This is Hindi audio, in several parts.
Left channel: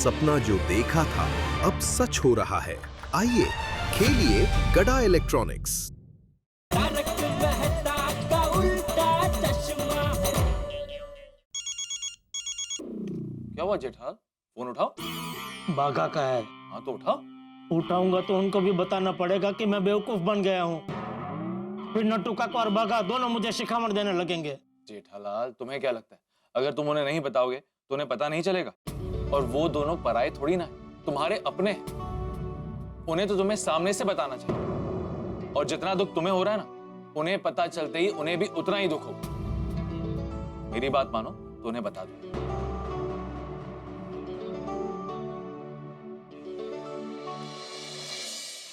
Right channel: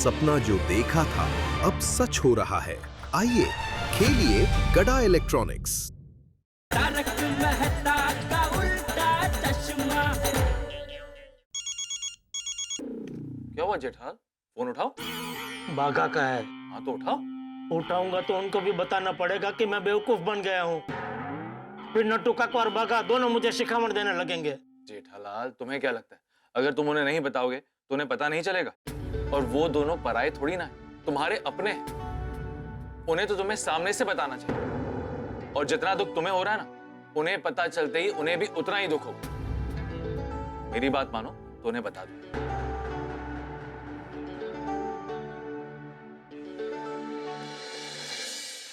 सपना जो देखा था अब सच हो रहा है। आइए खेलिए गड़ा इलेक्ट्रॉनिक्स। तारक मेहता का उल्टा चश्मा। क्या हुआ जेठालाल? फोन उठाओ। बाघा का है। हाँ तो उठाओ। उठाऊंगा तो उनको भी बताना पड़ेगा कि मैं बेवकूफ बन गया हूँ। फिर नट्टू काका और बाघा दोनों मुझे शिखामण देने लगेंगे। जेठालाल तुम्हें क्या लगता है अगर तुम उन्हें नहीं बताओगे तो उन्हें पता नहीं चलेगा? और वो दोनों पराये थोड़ी ना है, तुम्हारे अपने हैं। उन्हें तो तुम्हें सामने से बताना चाहिए। और जितना दुख तुम्हें हो रहा है ना, उन्हें पता चलते ही उन्हें भी उतना ही दुख होगा। मेरी बात मानो तो उन्हें बता दो।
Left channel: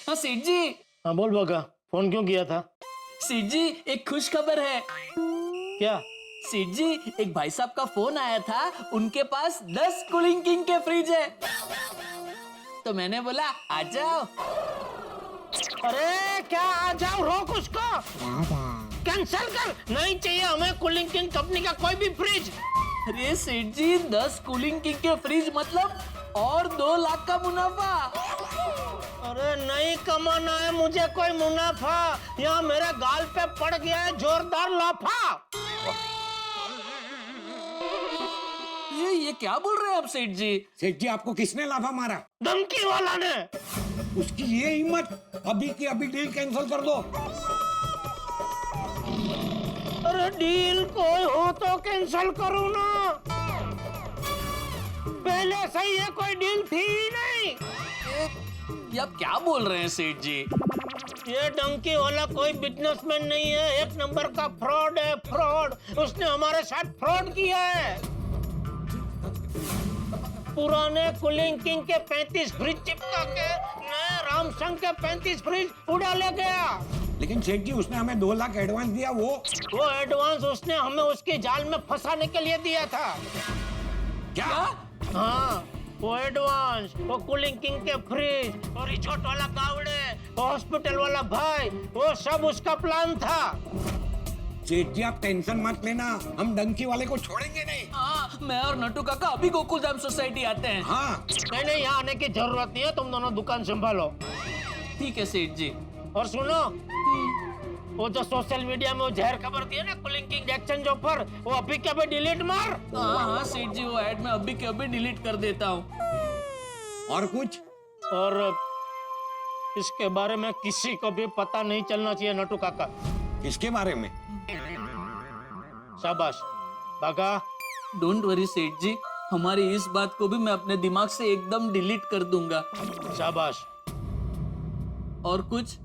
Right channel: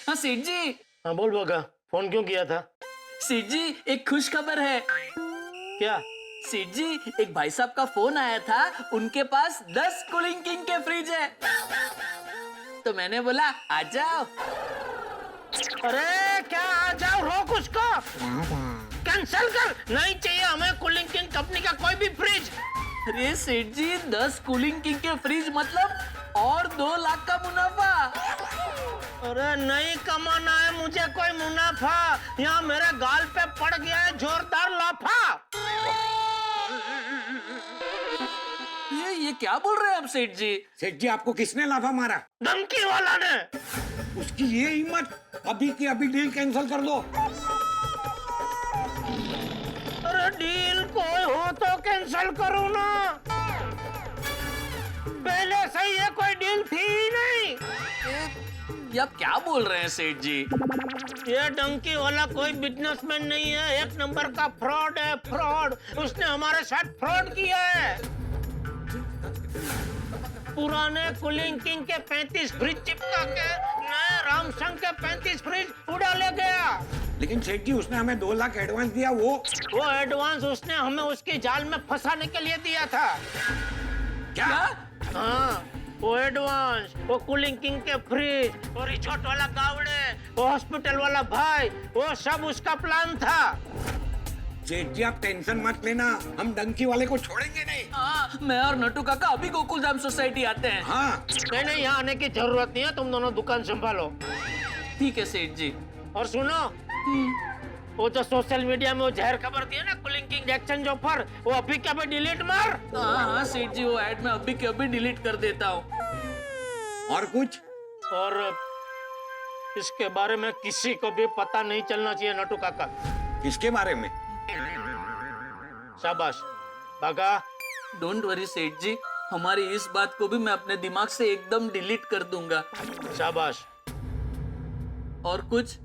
हाँ सेठ जी। हाँ बोल बाघा, फोन क्यों किया था? सेठ जी एक खुश खबर है। क्या? सेठ जी एक भाई साहब का फोन आया था, उनके पास 10 कूलिंग किंग के फ्रिज है। तो मैंने बोला आ जाओ। अरे क्या आ जाओ, रोक उसको, कैंसिल कर। नहीं चाहिए हमें कूलिंग किंग कंपनी का कोई भी फ्रिज। अरे सेठ जी 10 कूलिंग किंग के फ्रिज मतलब और 2 लाख का मुनाफा। अरे नहीं कमाना है मुझे कोई मुनाफा, यहाँ मेरे गाल पे पड़ गया है जोरदार लाफा। ये क्या बोल रहे हैं आप सेठ जी? सेठ जी आपको किसने लाफा मारा? धमकी वाला ने। उसकी ये हिम्मत, अभी की अभी डील कैंसिल कर दो। अरे डील कोई हो तो कैंसिल करो ना, पहले से ये कोई डील थी ही नहीं। ये आप क्या बोल रहे हैं सेठ जी? ये डंकी वाला कोई बिजनेसमैन नहीं है, एक नंबर का फ्रॉड है, फ्रॉड। उसने हमारे साथ फ्रॉड किया है। पुराने कूलिंग किंग के 35 फ्रिज चिपका के नए रामसंग के 35 फ्रिज उड़ा ले गया। लेकिन सेठ जी उसने हमें 2 लाख एडवांस दिया। वो एडवांस उसने हमें उसके जाल में फंसाने के लिए दिया था। क्या? हाँ वो एडवांस, वो कूलिंग किंग के फ्रिज, वो रिसोर्ट वाला गावड़े, वो हॉस्पिटल वाला भाई, वो सब उसका प्लान था। सेठ जी आप टेंशन मत लेना, हम डंकी वाले को छोड़ेंगे नहीं। हाँ मैं और नट्टू काका अभी गोकुल धाम सोसाइटी आते हैं। हाँ नहीं यहाँ आने की जरूरत नहीं है, तुम दोनों दुकान संभालो। ठीक है सेठ जी। और सुनो, वो जो सोशल मीडिया में वो जहर खबर दी है ना कूलिंग किंग एक्सचेंज ऑफर, वो अभी के अभी डिलीट मार। हाँ सेठ जी वो ऐड में अभी के अभी डिलीट कर देता हूँ। और कुछ? और इसके बारे में किसी को भी पता नहीं चलना चाहिए नट्टू काका। किसके बारे में? शाबाश बाघा। डोंट वरी सेठ जी, हमारी इस बात को भी मैं अपने दिमाग से एकदम डिलीट कर दूंगा। शाबाश। और कुछ?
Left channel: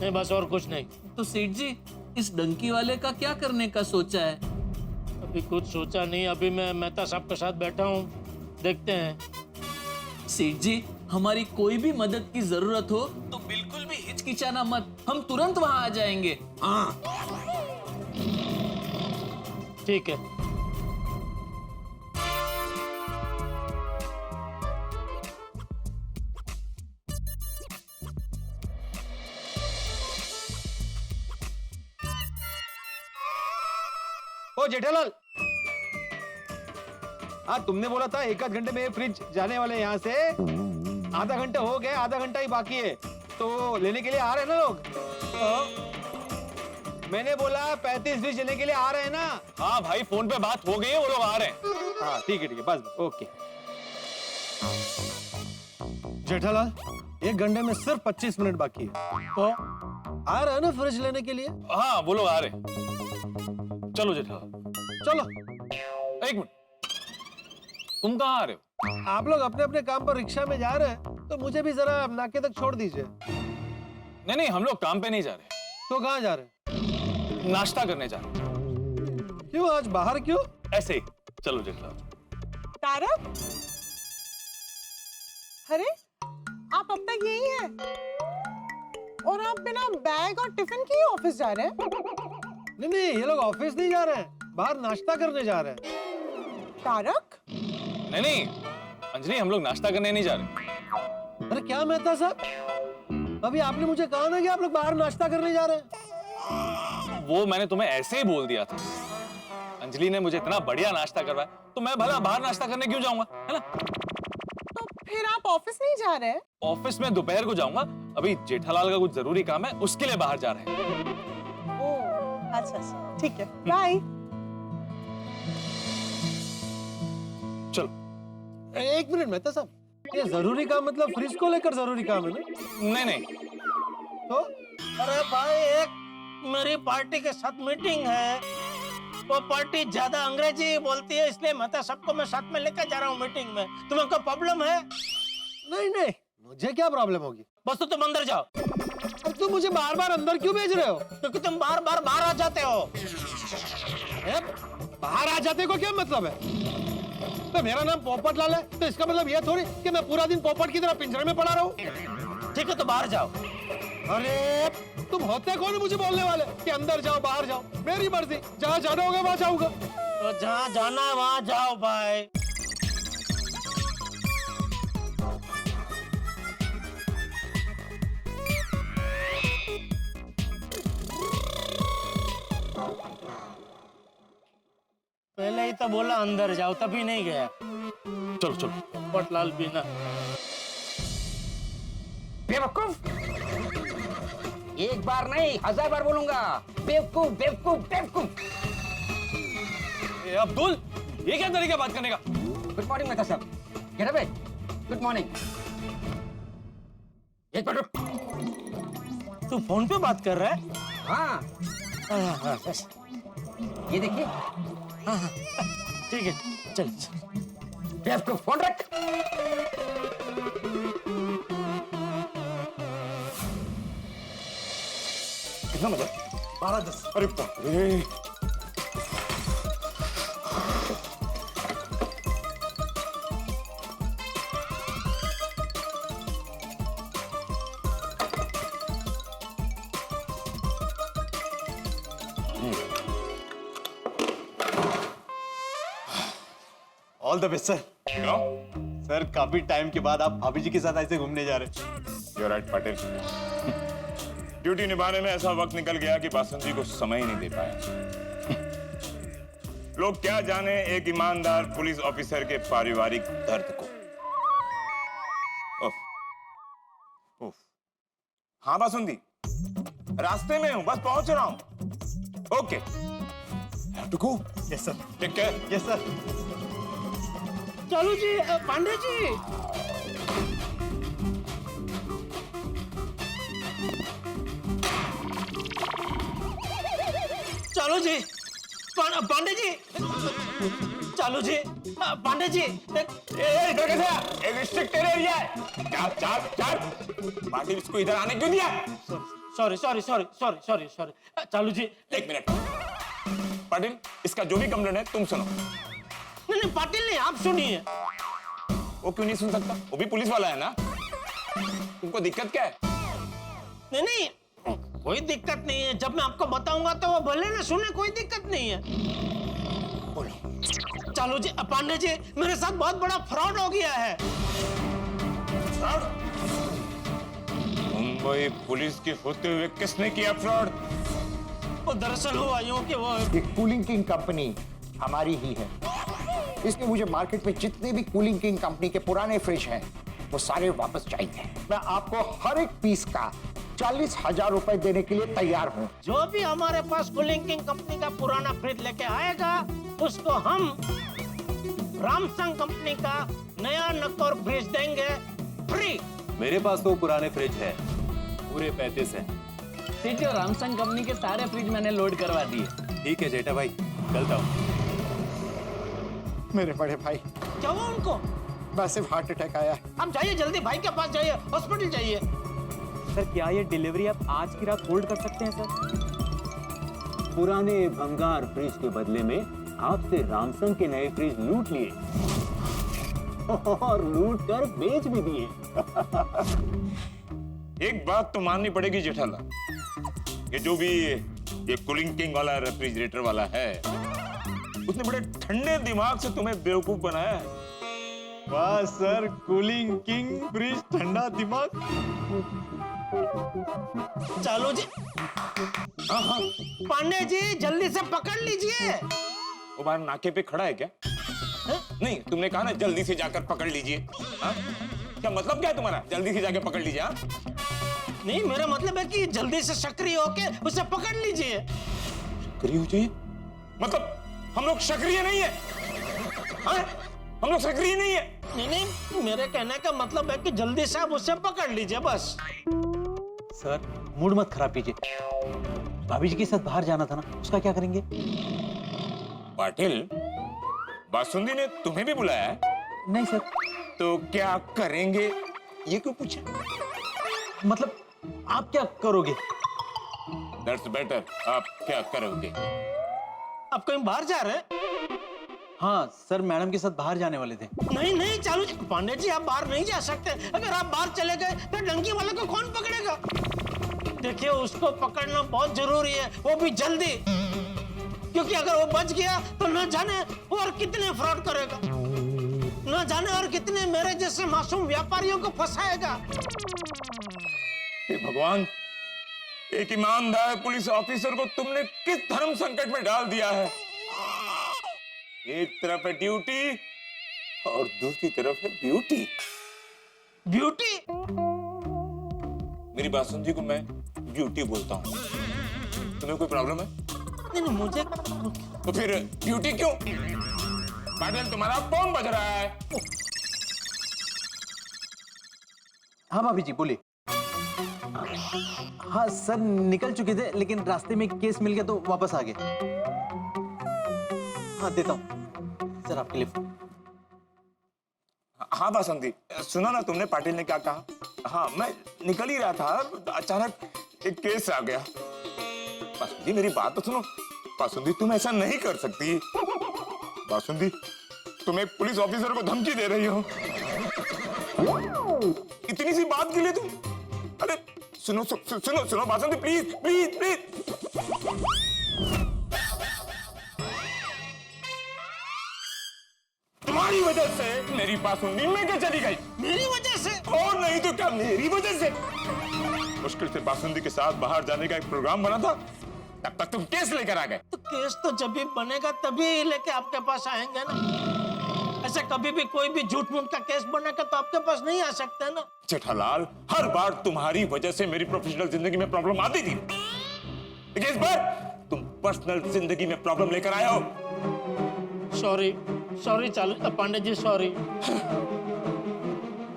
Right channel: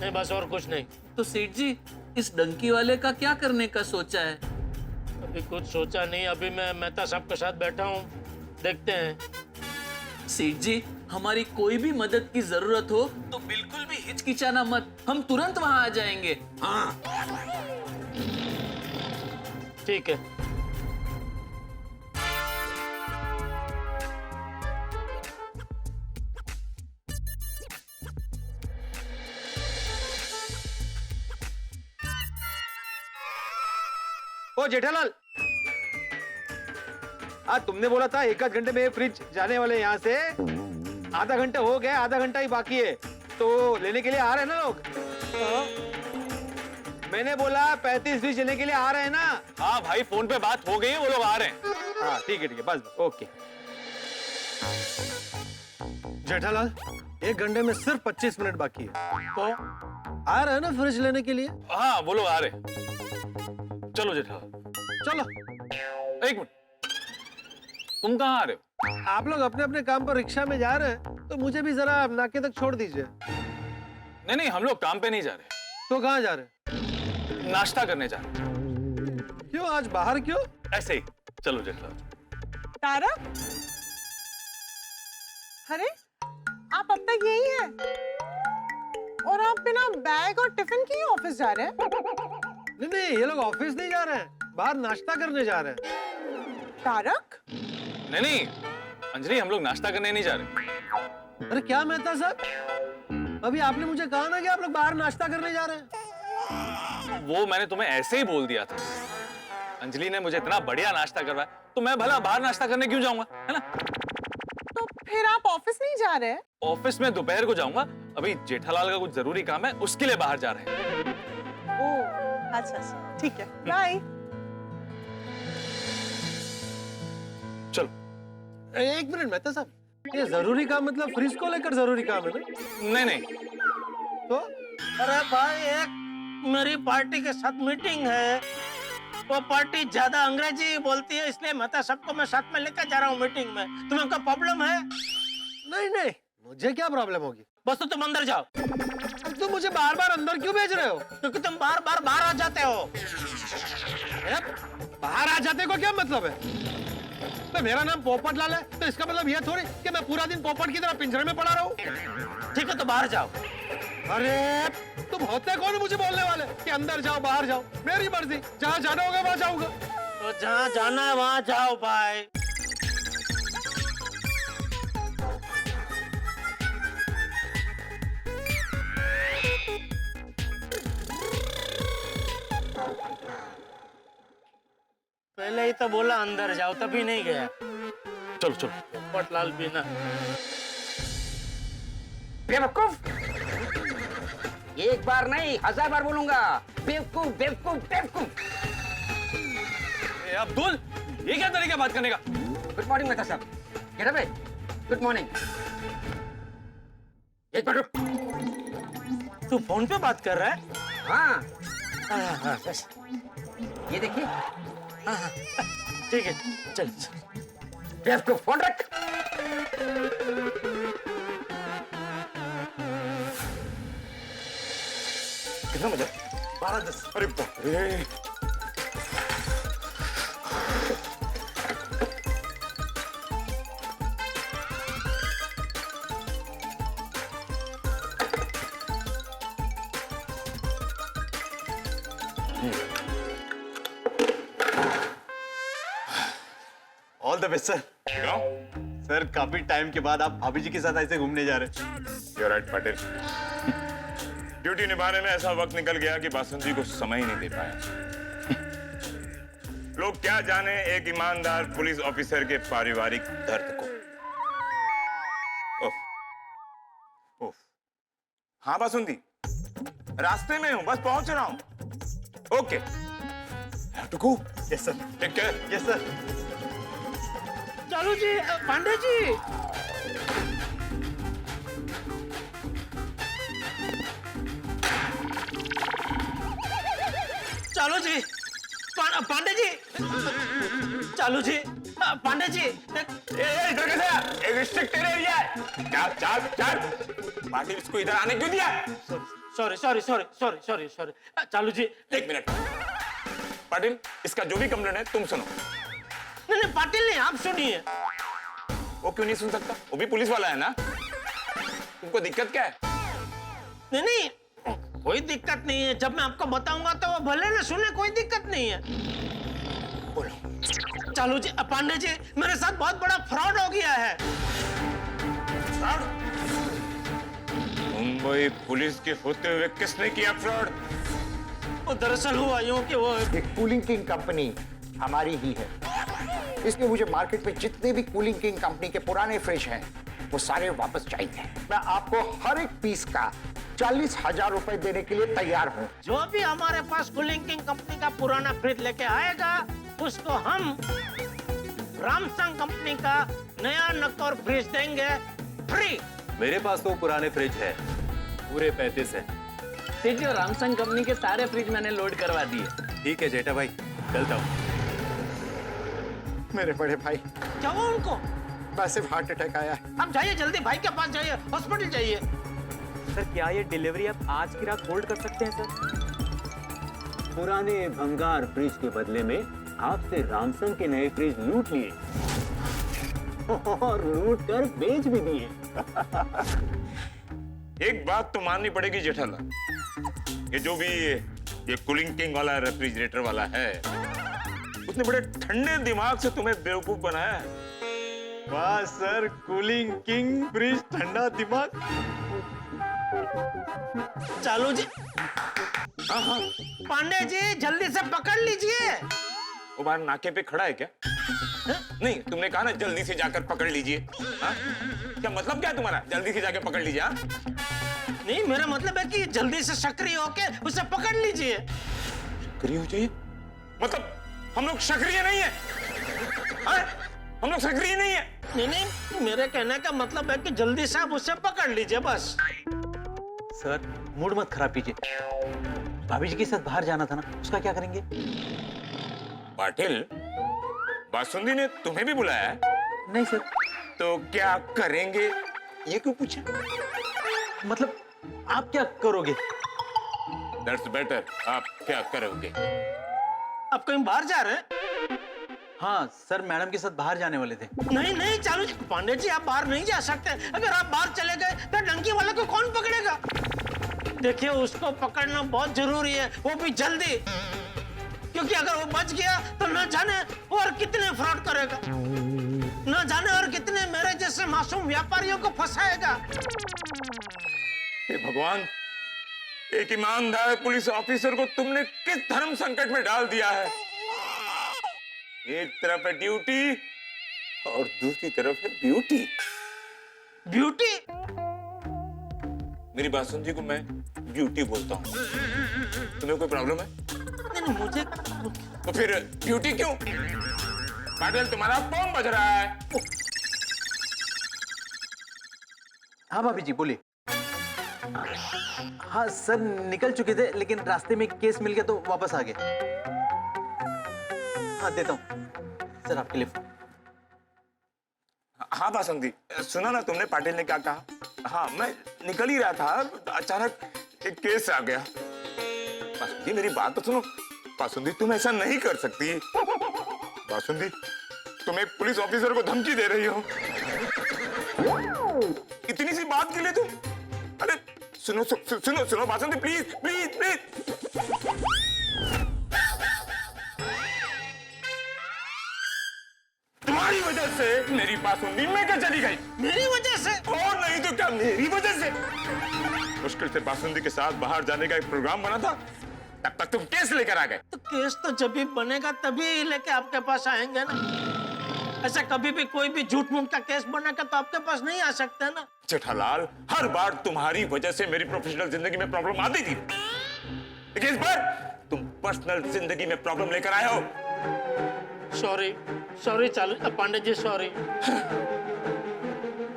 नहीं बस और कुछ नहीं। तो सेठ जी इस डंकी वाले का क्या करने का सोचा है? अभी कुछ सोचा नहीं, अभी मैं मेहता साहब के साथ बैठा हूँ, देखते हैं। सेठ जी हमारी कोई भी मदद की जरूरत हो तो बिल्कुल भी हिचकिचाना मत, हम तुरंत वहां आ जाएंगे। हाँ ठीक है। ओ जेठालाल, हाँ तुमने बोला था 1 घंटे में ये फ्रिज जाने वाले यहाँ से। आधा घंटा हो गया, आधा घंटा ही बाकी है, तो लेने के लिए आ रहे हैं ना लोग? मैंने बोला 35 फ्रिज लेने के लिए आ रहे हैं ना? हाँ भाई फोन पे बात हो गई है, वो लोग आ रहे हैं। हाँ ठीक है बस ओके। जेठालाल 1 घंटे में सिर्फ 25 मिनट बाकी है, तो आ रहे हैं ना फ्रिज लेने के लिए? हाँ वो लोग आ रहे हैं। चलो जेठालाल। चलो। 1 मिनट, तुम कहाँ आ रहे हो? आप लोग अपने अपने काम पर रिक्शा में जा रहे हैं तो मुझे भी जरा नाके तक छोड़ दीजिए। नहीं हम लोग काम पे नहीं जा रहे, तो कहाँ जा रहे हैं? नाश्ता करने जा रहे हैं। क्यों आज बाहर क्यों? ऐसे ही। चलो जेठालाल। तारक, अरे आप अब तक यही हैं और आप बिना बैग और टिफिन के ही ऑफिस जा रहे हैं? नहीं ये लोग ऑफिस नहीं जा रहे हैं, बाहर नाश्ता करने जा रहे हैं। तारक, नहीं अंजलि हम लोग नाश्ता करने नहीं जा रहे। अरे क्या मेहता साहब, अभी आपने मुझे कहा ना कि आप लोग बाहर नाश्ता करने जा रहे हैं। वो मैंने तुम्हें ऐसे ही बोल दिया था। अंजलि ने मुझे इतना बढ़िया नाश्ता करवाया तो मैं भला बाहर नाश्ता करने क्यों जाऊंगा, है ना? तो ऑफिस नहीं जा रहे? ऑफिस में दोपहर को जाऊंगा, अभी जेठालाल का कुछ जरूरी काम है, उसके लिए बाहर जा रहे हैं। ओह अच्छा अच्छा, ठीक है, बाय। चलो। एक मिनट मेहता साहब, ये जरूरी काम मतलब फ्रिज को लेकर जरूरी काम है ना? नहीं नहीं, तो अरे भाई, एक मेरी पार्टी के साथ मीटिंग है। वो पार्टी ज्यादा अंग्रेजी बोलती है, इसलिए मैं सबको मैं साथ में लेकर जा रहा हूँ मीटिंग में। तुम्हें कोई प्रॉब्लम है? नहीं नहीं, मुझे क्या प्रॉब्लम होगी? बस तो तुम अंदर जाओ। अब तुम मुझे बार बार अंदर क्यों भेज रहे हो? क्योंकि तुम बार बार बाहर आ जाते हो। बाहर आ जाते को क्या मतलब है? तो मेरा नाम पोपट लाल है, तो इसका मतलब ये थोड़ी कि मैं पूरा दिन पोपट की तरह पिंजरे में पड़ा रहूं। ठीक है, तो बाहर जाओ। अरे तुम होते कौन मुझे बोलने वाले कि अंदर जाओ बाहर जाओ? मेरी मर्जी, जहाँ जाना होगा वहां जाऊंगा। तो जहाँ जाना है वहाँ जाओ भाई। पहले ही तो बोला अंदर जाओ, तभी नहीं गया। चलो चलो। पोपटलाल भी ना। बेवकूफ, एक बार नहीं 1000 बार बोलूंगा। बेवकूफ बेवकूफ बेवकूफ। ए अब्दुल, ये क्या तरीका बात करने का? गुड मॉर्निंग मेहता साहब। Get up. Good morning. एक मिनट रुक। तू फोन पे बात कर रहा है? हाँ, ये देखिए। ठीक है, चल। बेवकूफ, फोन रख। कितना बजा? 12:10। अरे बाप रे। All the best sir. क्यों? सर काफी टाइम के बाद आप भाभी जी के साथ ऐसे घूमने जा रहे हैं। You're right, Patel. ड्यूटी निभाने में ऐसा वक्त निकल गया कि बासंत जी को समय ही नहीं दे पाया। लोग क्या जाने एक ईमानदार पुलिस ऑफिसर के पारिवारिक दर्द को। उफ, उफ। हाँ बासंती, रास्ते में हूँ, बस पहुंच रहा हूँ। Okay. Have to go. Yes sir. Take care. Yes sir. चलो जी, पांडे जी। चलो जी, पांडे जी। चलो जी, पांडे जी। इधर कैसे आया? एक रिस्ट्रिक्टेड एरिया है। चल चल चल। पाटिल इसको इधर आने क्यों दिया? Sorry sorry sorry sorry sorry sorry. चलो जी। एक मिनट। पाटिल, इसका जो भी कंप्लेंट है तुम सुनो। नहीं नहीं, पाटिल नहीं, आप सुनिए। वो क्यों नहीं सुन सकता? वो भी पुलिस वाला है ना? तुमको दिक्कत क्या है? नहीं नहीं, कोई दिक्कत नहीं है। जब मैं आपको बताऊंगा तो वो भले ना सुने, कोई दिक्कत नहीं है। बोलो। चलो जी, पांडे जी, मेरे साथ बहुत बड़ा फ्रॉड हो गया है। फ्रॉड? मुंबई पुलिस के होते हुए किसने किया फ्रॉड? वो दरअसल हुआ यूं कि वो ये कूलिंग किंग कंपनी हमारी ही है, इसलिए मुझे मार्केट में जितने भी कूलिंग किंग कंपनी के पुराने फ्रिज हैं वो सारे वापस चाहिए। मैं आपको हर एक पीस का 40,000 रुपए देने के लिए तैयार हूँ। जो भी हमारे पास कूलिंग किंग कंपनी का पुराना फ्रिज लेके आएगा उसको हम रामसंग कंपनी का नया नक्कोर फ्रिज देंगे फ्री। मेरे पास तो पुराने फ्रिज है, पूरे 35 है। सेठ जी, रामसंग कंपनी के सारे फ्रिज मैंने लोड करवा दिए। ठीक है जेठा भाई, चलता हूँ। मेरे बड़े भाई, क्या हुआ उनको? बस सिर्फ हार्ट अटैक आया है। आप जाइए जल्दी, भाई के पास जाइए, हॉस्पिटल जाइए। सर क्या ये डिलीवरी आप आज की रात होल्ड कर सकते हैं सर? पुराने भंगार फ्रिज के बदले में आपसे रामसंग के नए फ्रिज लूट लिए और लूट कर बेच भी दिए। एक बात तो माननी पड़ेगी जेठालाल, ये जो भी ये कूलिंग किंग वाला रेफ्रिजरेटर वाला है, उसने बड़े ठंडे दिमाग से तुम्हें बेवकूफ बनाया है। वाह सर, कूलिंग किंग फ्रिज, ठंडा दिमाग। चलो जी। पांडे जी, जल्दी से पकड़ लीजिए। वो बाहर नाके पे खड़ा है क्या? नहीं, तुमने कहा ना जल्दी से जाकर पकड़ लीजिए। हाँ? क्या मतलब क्या है तुम्हारा, जल्दी से जाकर पकड़ लीजिए? हाँ? नहीं, मेरा मतलब है कि जल्दी से सक्रिय होके उसे पकड़ लीजिए। सक्रिय हो जाइए? मतलब हम लोग सक्रिय नहीं है? हाँ? हम लोग सक्रिय नहीं है? नहीं नहीं, मेरे कहने का मतलब है कि जल्दी से आप उसे पकड़ लीजिए बस। सर मूड मत खराब कीजिए, भाभी जी के साथ बाहर जाना था ना, उसका क्या करेंगे? पाटिल, बासुंदी ने तुम्हें भी बुलाया है? नहीं सर। तो क्या करेंगे ये क्यों पूछा? मतलब आप क्या करोगे? That's better. आप क्या करोगे? आप कहीं बाहर जा रहे हैं? हाँ सर, मैडम के साथ बाहर जाने वाले थे। नहीं नहीं चालू जी, पांडे जी आप बाहर नहीं जा सकते। अगर आप बाहर चले गए तो डंकी वाले को कौन पकड़ेगा? देखिए, उसको पकड़ना बहुत जरूरी है, वो भी जल्दी, क्योंकि अगर वो बच गया तो न जाने और कितने फ्रॉड करेगा, न जाने और कितने मेरे जैसे मासूम व्यापारियों को फंसाएगा। हे भगवान, एक ईमानदार पुलिस ऑफिसर को तुमने किस धर्म संकट में डाल दिया है। एक तरफ है ड्यूटी और दूसरी तरफ है ब्यूटी। ब्यूटी? मेरी बासुंदी को मैं ब्यूटी बोलता हूँ। तुम्हें कोई प्रॉब्लम है? नहीं नहीं, मुझे तो फिर ब्यूटी क्यों? पाटिल, तुम्हारा फोन बज रहा है। हाँ भाभी जी बोलिए। हाँ सर, निकल चुके थे लेकिन रास्ते में केस मिल गया तो वापस आ गए। हाँ देता हूँ सर आपके लिए। हाँ बासुंदी, सुना ना तुमने पाटिल ने क्या कहा? हाँ, मैं निकल ही रहा था, अचानक एक केस आ गया। बासुंदी मेरी बात तो सुनो। बासुंदी, तुम ऐसा नहीं कर सकती। बासुंदी, तुम एक पुलिस ऑफिसर को धमकी दे रही हो, इतनी सी बात के लिए तुम। अरे सुनो सुनो सुनो बासुंदी, प्लीज प्लीज प्लीज। तुम्हारी वजह से मेरी बासुंदी में क्या चली गई? मेरी वजह से? और नहीं तो क्या, मेरी वजह से। मुश्किल से बासुंदी के साथ बाहर जाने का एक प्रोग्राम बना था, तब तक तुम केस लेकर आ गए। तो केस तो जब भी बनेगा तभी लेके आपके पास आएंगे ना। ऐसा कभी भी कोई भी झूठ मूठ का केस बनेगा तो आपके पास नहीं आ सकते ना। जेठालाल, हर बार तुम्हारी वजह से मेरी प्रोफेशनल जिंदगी में प्रॉब्लम आती थी, लेकिन इस बार तुम पर्सनल जिंदगी में प्रॉब्लम लेकर आए हो। सॉरी सॉरी चालू पांडे जी, सॉरी।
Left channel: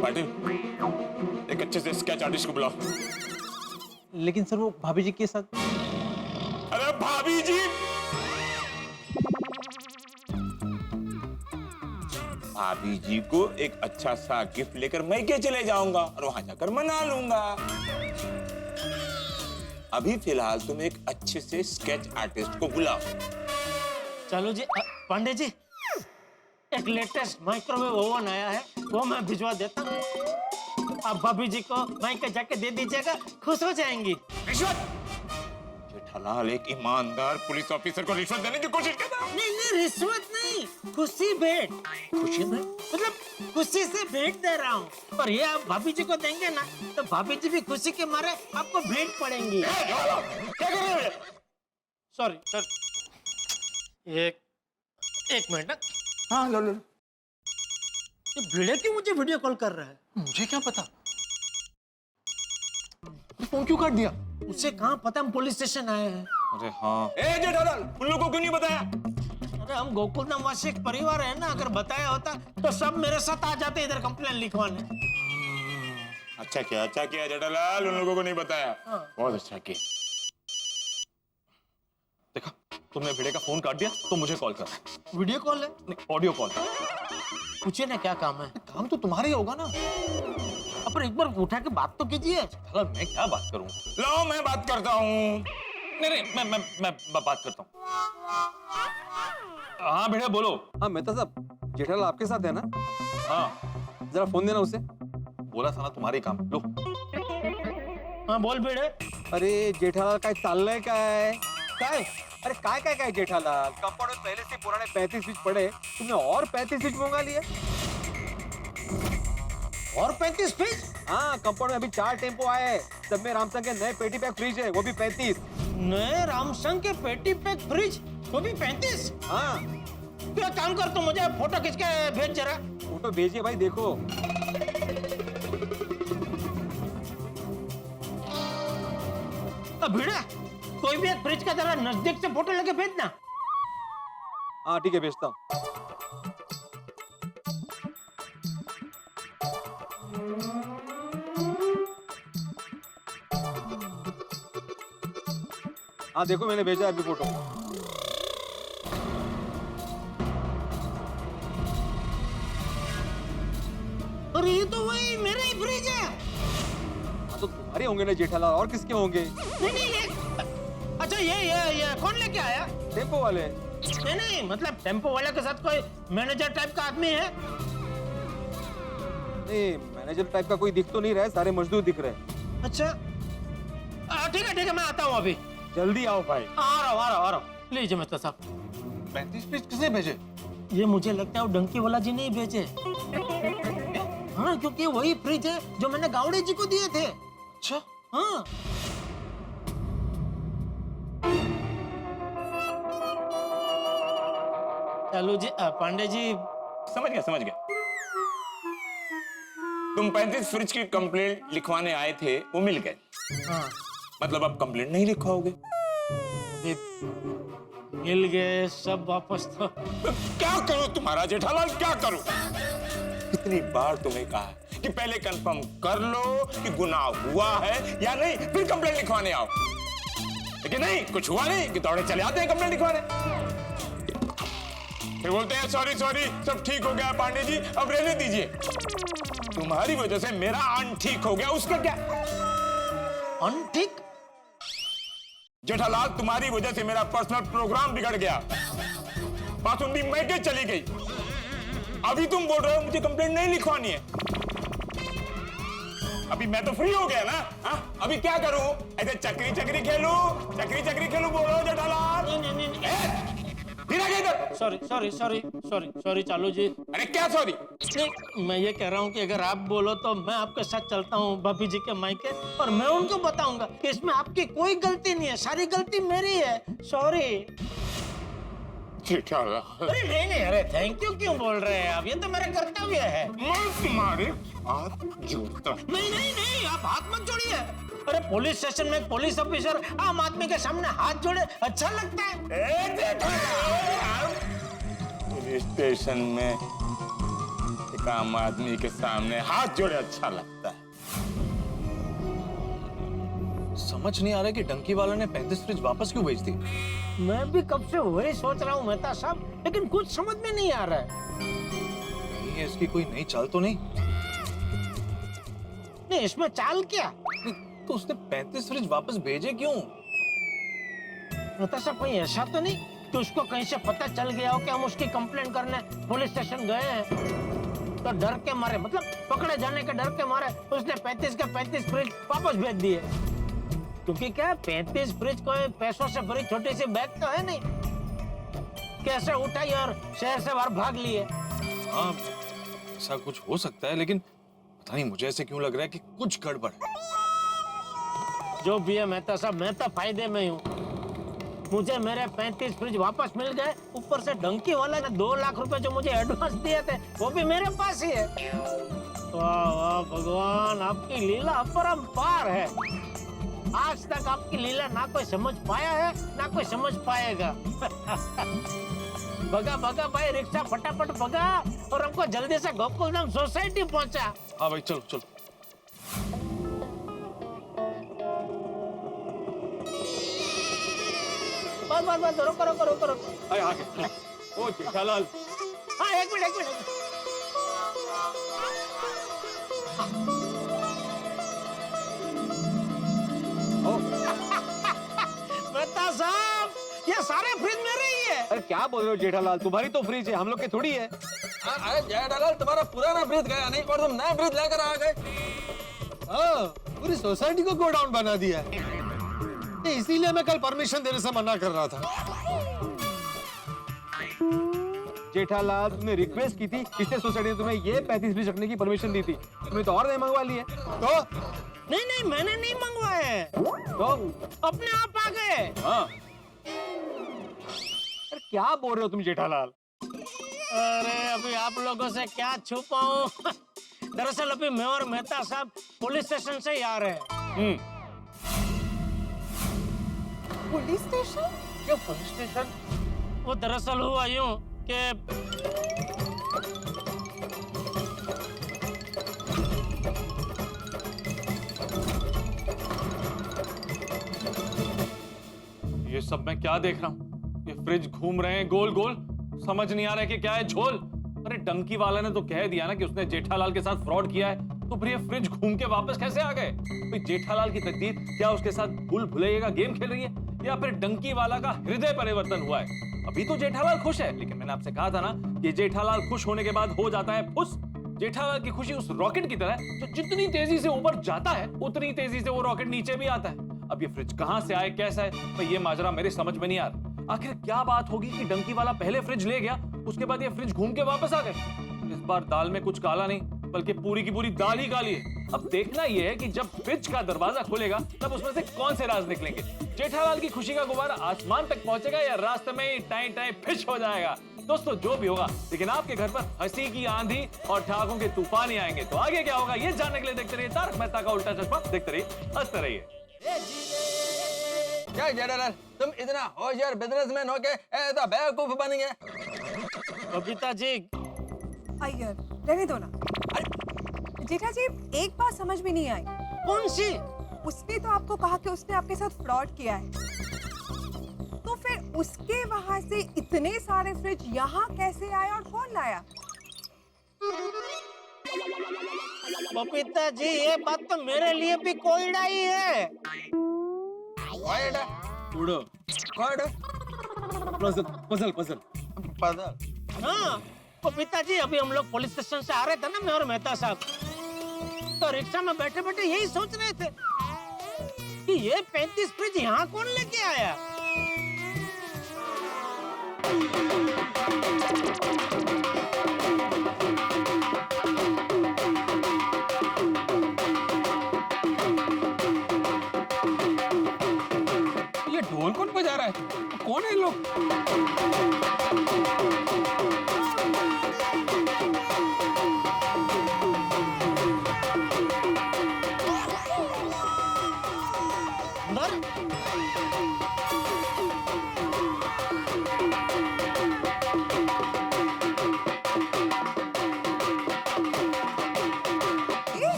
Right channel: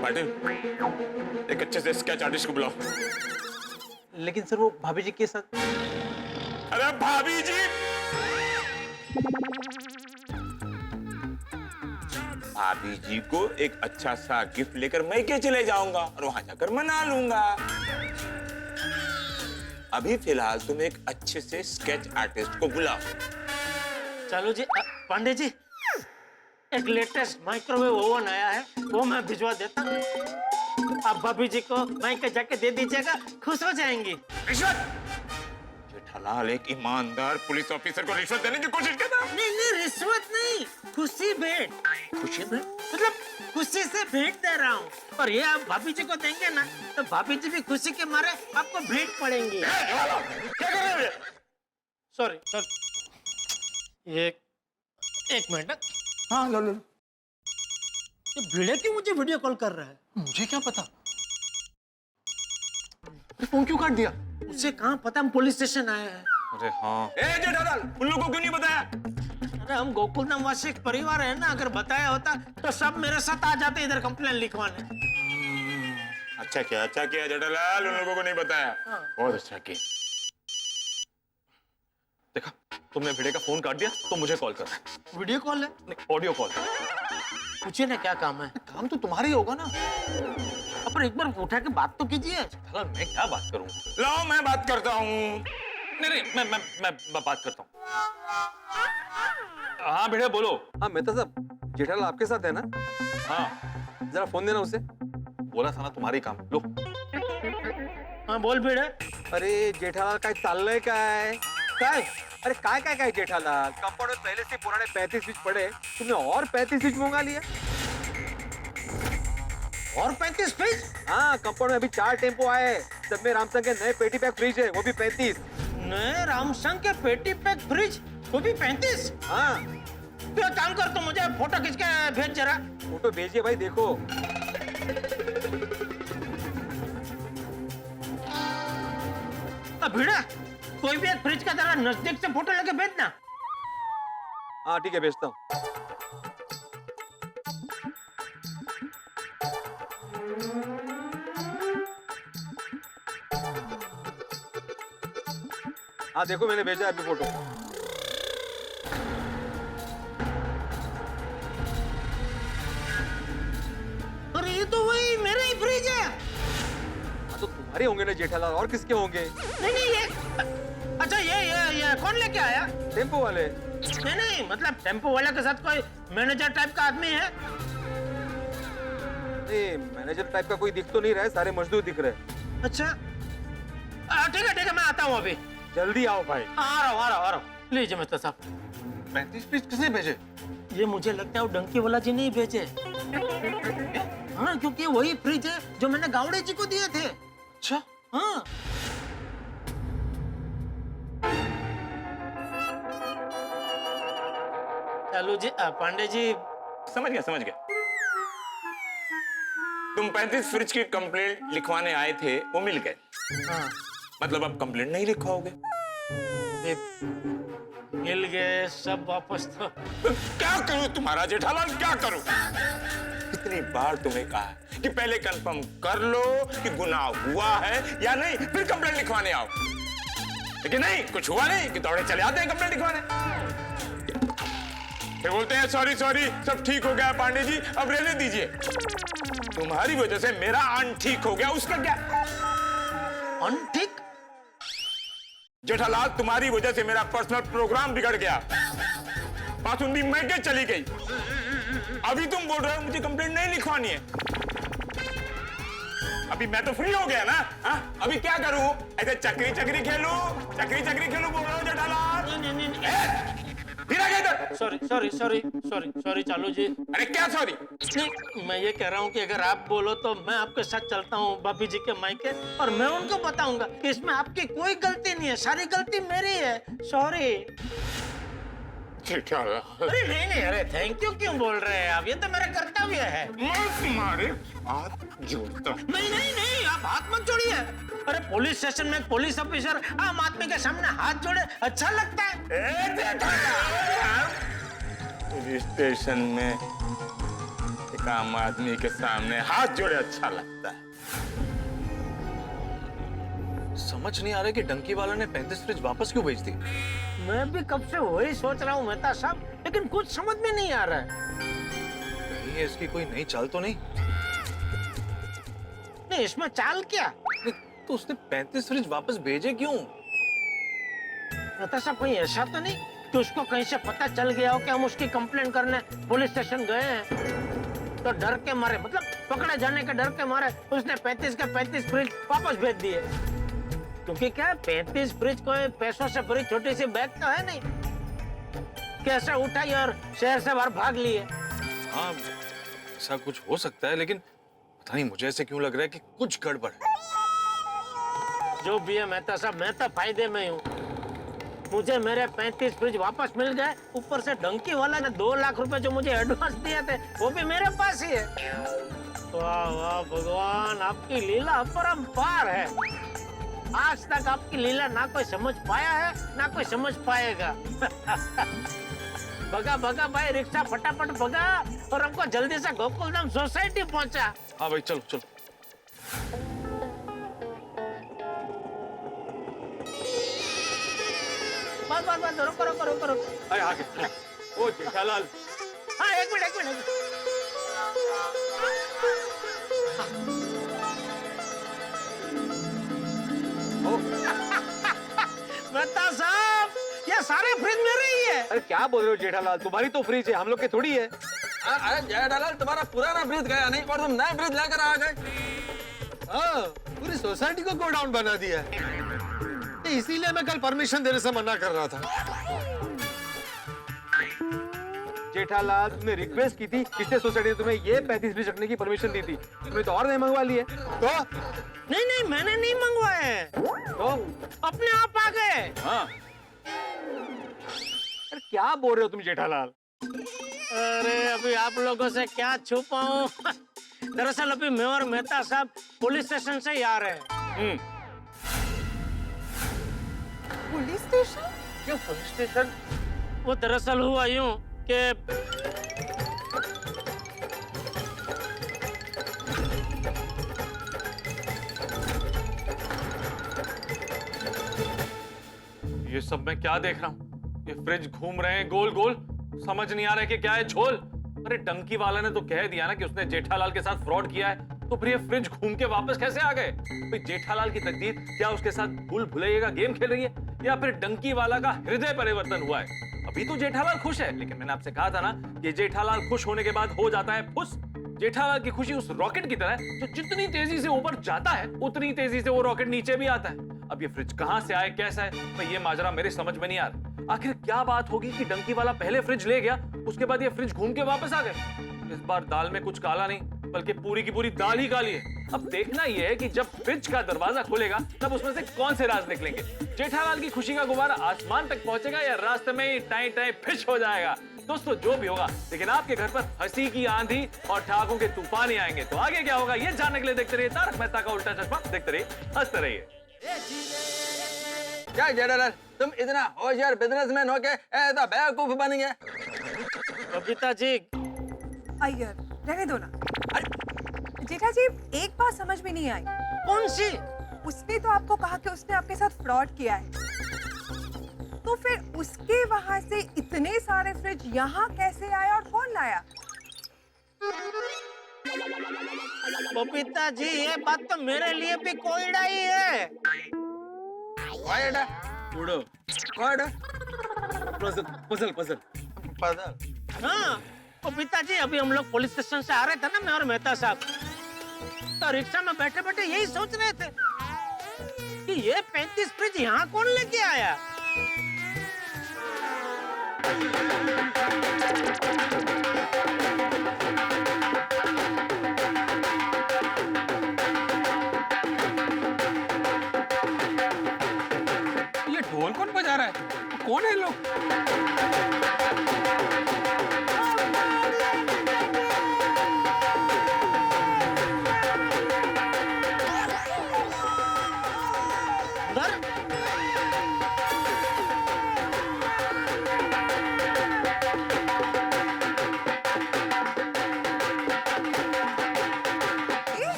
पाटिल, एक अच्छे से स्केच आर्टिस्ट को बुलाओ। लेकिन सर वो भाभी जी के साथ। अरे भाभी जी, भाभी जी को एक अच्छा सा गिफ्ट लेकर मैं के चले जाऊंगा और वहां जाकर मना लूंगा। अभी फिलहाल तुम एक अच्छे से स्केच आर्टिस्ट को बुलाओ। चलो जी। पांडे जी, एक लेटेस्ट माइक्रोवेव ओवन आया है, वो मैं भिजवा देता हूँ। आप भाभी जी को माइक जाके दे दीजिएगा, खुश हो जाएंगी। रिश्वत? जेठालाल एक ईमानदार पुलिस ऑफिसर को रिश्वत देने की कोशिश करता है? नहीं नहीं, रिश्वत नहीं, खुशी भेंट। खुशी में? मतलब खुशी से भेंट दे रहा हूँ, और ये आप भाभी जी को देंगे ना तो भाभी जी भी खुशी के मारे आपको भेंट पड़ेंगी। क्या कर रहे हो? सॉरी सॉरी, एक मिनट। हाँ लो लो। ये भिड़े क्यों मुझे वीडियो कॉल कर रहा है? मुझे क्या पता, फोन क्यों काट दिया? उसे कहाँ पता हम पुलिस स्टेशन आए हैं। अरे हाँ। ए जेठालाल, उन लोगों को क्यों नहीं बताया? अरे हम गोकुलधाम वासी एक परिवार है ना, अगर बताया होता तो सब मेरे साथ आ जाते इधर कंप्लेन लिखवाने। अच्छा किया जेठालाल, उन लोगों को नहीं बताया। बहुत अच्छा किया। देखा, तुमने भिड़े का फोन काट दिया तो मुझे कॉल कर। वीडियो कॉल है? नहीं, ऑडियो कॉल। पूछिए ना क्या काम है। काम तो तुम्हारा ही होगा ना। अब एक बार उठा के बात तो कीजिए। मैं क्या बात करूं? लाओ मैं बात करता हूँ। नहीं, मैं बात करता हूँ। हाँ भिड़े बोलो। हाँ मेहता साहब, जेठालाल आपके साथ है ना? हाँ जरा फोन देना उसे। बोला था ना तुम्हारी काम। लो। हाँ बोल भिड़े। अरे जेठालाल काय चाललंय काय? काय? अरे काय काय काय जेठालाल, कंपाउंड में पहले से पुराने 35 स्विच पड़े, तुमने और 35 स्विच मंगा लिए। और 35 फ्रिज? हाँ, कंपाउंड में अभी 4 टेम्पो आए, सब में रामसंग के नए पेटी पैक फ्रिज है, वो भी 35। नए रामसंग के पेटी पैक फ्रिज, वो भी 35? हाँ। तू एक काम कर, तू मुझे फोटो खींच के भेज जरा। फोटो भेजिए भाई, देखो। भिड़ा, कोई भी एक फ्रिज का जरा नजदीक से फोटो लेके भेजना। हाँ ठीक है, भेजता हूँ। हाँ देखो, मैंने भेजा है अभी फोटो। और ये तो वही मेरा ही फ्रिज है। हाँ तो तुम्हारे होंगे ना जेठालाल, और किसके होंगे? नहीं ये अच्छा, ये कौन लेके आया? टेम्पो वाले। नहीं मतलब टेम्पो वाले के साथ कोई मैनेजर टाइप का आदमी है? नहीं, मैनेजर टाइप का कोई दिख तो नहीं रहा है, सारे मजदूर दिख रहे हैं। अच्छा ठीक है, मैं आता हूँ अभी। जल्दी आओ भाई। आ रहा हूँ। लीजिए मेहता साहब। 35 पीस किसने भेजे? ये मुझे लगता है वो डंकी वाला जी ने ही भेजे। हाँ, क्योंकि वही फ्रिज है जो मैंने गावड़े जी को दिए थे। अच्छा। हाँ। चलो जी, पांडे जी। समझ गया। तुम 35 फ्रिज की कंप्लेंट लिखवाने आए थे, वो मिल गए। हाँ। मतलब अब कंप्लेंट नहीं लिखवाओगे? मिल गए सब वापस तो क्या करूं तुम्हारा जेठालाल, क्या करूं? कितनी बार तुम्हें कहा कि पहले कंफर्म कर लो कि गुनाह हुआ है या नहीं, फिर कंप्लेंट लिखवाने आओ। लेकिन नहीं, कुछ हुआ नहीं कि दौड़े चले आते हैं कंप्लेंट लिखवाने। फिर बोलते हैं सॉरी सब ठीक हो गया पांडे जी, अब रहने दीजिए। तुम्हारी वजह से मेरा अनठीक हो गया, उसका क्या? अनठीक? जेठालाल, तुम्हारी वजह से मेरा पर्सनल प्रोग्राम बिगड़ गया। बासुंदी महके चली गई। अभी तुम बोल रहे हो मुझे कंप्लेंट नहीं लिखवानी है। अभी मैं तो फ्री हो गया ना। हा? अभी क्या करूं? ऐसे चक्री खेलूं बोल रहे हो जेठालाल? फिर आ गए इधर। सॉरी चालू जी। अरे क्या सॉरी? नहीं, मैं ये कह रहा हूँ कि अगर आप बोलो तो मैं आपके साथ चलता हूँ भाभी जी के मायके, और मैं उनको बताऊंगा कि इसमें आपकी कोई गलती नहीं है, सारी गलती मेरी है। सॉरी। अरे नहीं, अरे थैंक यू क्यों बोल रहे हैं आप? ये तो मेरा कर्तव्य है। मैं तुम्हारे हाथ जोड़ता हूं। नहीं, आप हाथ मत जोड़िए। अरे पुलिस स्टेशन में पुलिस ऑफिसर आम आदमी के सामने हाथ जोड़े अच्छा लगता है? पुलिस स्टेशन में एक आम आदमी के सामने हाथ जोड़े अच्छा लगता है। समझ नहीं आ रहा कि डंकी वाला ने 35 फ्रिज वापस क्यों भेज दी। मैं भी कब से वही सोच रहा हूँ मेहता साहब, लेकिन कुछ समझ में नहीं आ रहा है। कहीं इसकी कोई नई चाल तो नहीं? नहीं, इसमें चाल क्या? तो उसने 35 फ्रिज वापस भेजे क्यों? मेहता साहब, कहीं ऐसा तो नहीं कि उसको कहीं से पता चल गया हो कि हम उसकी कंप्लेंट करने पुलिस स्टेशन गए हैं, तो डर के मारे, मतलब पकड़े जाने के डर के मारे उसने 35 के 35 फ्रिज वापस भेज दिए। क्योंकि क्या 35 फ्रिज कोई पैसों से भरी छोटी सी बैग तो है नहीं, कैसे उठाई और शहर से बाहर भाग लिए। हाँ, ऐसा कुछ हो सकता है, लेकिन पता नहीं मुझे ऐसे क्यों लग रहा है कि कुछ गड़बड़ है। जो भी है मेहता साहब, मैं तो फायदे में हूँ। मुझे मेरे 35 फ्रिज वापस मिल गए, ऊपर से डंकी वाला ने 2 लाख रुपए जो मुझे एडवांस दिए थे वो भी मेरे पास ही है। वाह भगवान, आपकी लीला अपरंपार है। आज तक आपकी लीला ना कोई समझ पाया है ना कोई समझ पाएगा। भगा भाई, रिक्शा फटाफट भगा और हमको जल्दी से गोकुलधाम सोसाइटी पहुंचा। हाँ भाई, चलो। बस रुको। अरे आगे। ओ जेठालाल। हाँ, एक मिनट। मेहता साहब, ये सारे फ्रिज मेरे ही है। अरे क्या बोल रहे हो जेठालाल, तुम्हारी तो फ्रिज है, हम लोग के थोड़ी है। अरे जेठालाल, तुम्हारा पुराना फ्रिज गया नहीं और तुम नया फ्रिज लेकर आ गए। पूरी सोसाइटी को गोडाउन बना दिया है। इसीलिए मैं कल परमिशन देने से मना कर रहा था। जेठालाल, तुमने रिक्वेस्ट की थी, किसने सोसाइटी ने तुम्हें ये 35 फ्रिज रखने की परमिशन दी थी? तुम्हें तो और नहीं मंगवा लिए। तो नहीं, मैंने नहीं मंगवाए, तो अपने आप आ गए। हाँ। अरे क्या बोल रहे हो तुम जेठालाल? अरे अभी आप लोगों से क्या छुपाऊं? दरअसल अभी मैं और मेहता साहब पुलिस स्टेशन से ही आ रहे हैं। Police station? क्यों पुलिस स्टेशन? वो दरअसल हुआ यूं कि ये सब मैं क्या देख रहा हूँ? ये फ्रिज घूम रहे हैं गोल गोल, समझ नहीं आ रहा है कि क्या है झोल। अरे डंकी वाला ने तो कह दिया ना कि उसने जेठालाल के साथ फ्रॉड किया है, तो फिर ये फ्रिज घूम के वापस कैसे आ गए? भाई जेठालाल की तकदीर क्या उसके साथ भूल भुलैया का गेम खेल रही है, या फिर डंकी वाला का हृदय परिवर्तन हुआ है? अभी तो जेठालाल खुश है, लेकिन मैंने आपसे कहा था ना कि जेठालाल खुश होने के बाद हो जाता है फुस। जेठालाल की खुशी उस रॉकेट की तरह है जो जितनी तेजी से ऊपर जाता है उतनी तेजी से वो रॉकेट नीचे भी आता है। अब ये फ्रिज कहां से आए, कैसा है, भाई ये माजरा मेरे समझ में नहीं आ रहा। आखिर क्या बात होगी कि डंकी वाला पहले फ्रिज ले गया, उसके बाद ये फ्रिज घूम के वापस आ गए। इस बार दाल में कुछ काला नहीं, बल्कि पूरी की पूरी दाल ही काली है। अब देखना यह है कि जब फ्रिज का दरवाजा खुलेगा तब उसमें से कौन से राज निकलेंगे। जेठालाल की खुशी का गुब्बारा आसमान तक पहुंचेगा या रास्ते में ही टाई टाई फिश हो जाएगा। दोस्तों जो भी होगा, लेकिन आपके घर पर हंसी की आंधी और ठहाकों के तूफान ही आएंगे। तो आगे क्या होगा ये जानने के लिए देखते रहिए तारक मेहता का उल्टा चश्मा। देखते रहिए, हंसते रहिए। क्या जेठालाल, तुम इतना होशियार बिजनेसमैन हो के ऐसा बेवकूफ बन गए? बबीता जी, अय्यर रहने दो ना। जेठा जी एक बात समझ में नहीं आई। कौन सी? उसने तो आपको कहा कि उसने आपके साथ फ्रॉड किया है, तो फिर उसके वहां से इतने सारे फ्रिज यहाँ कैसे आए और कौन लाया? बबीता जी ये बात तो मेरे लिए भी कोयड़ा ही है। कोयड़ा? उड़ो कोयड़ा? Puzzle puzzle. हाँ बबीता जी, अभी हम लोग पुलिस स्टेशन से आ रहे थे ना, मैं और मेहता साहब, तो रिक्शा में बैठे बैठे यही सोच रहे थे कि ये 35 फ्रिज यहाँ कौन लेके आया। ये ढोल कौन बजा रहा है? कौन है लोग?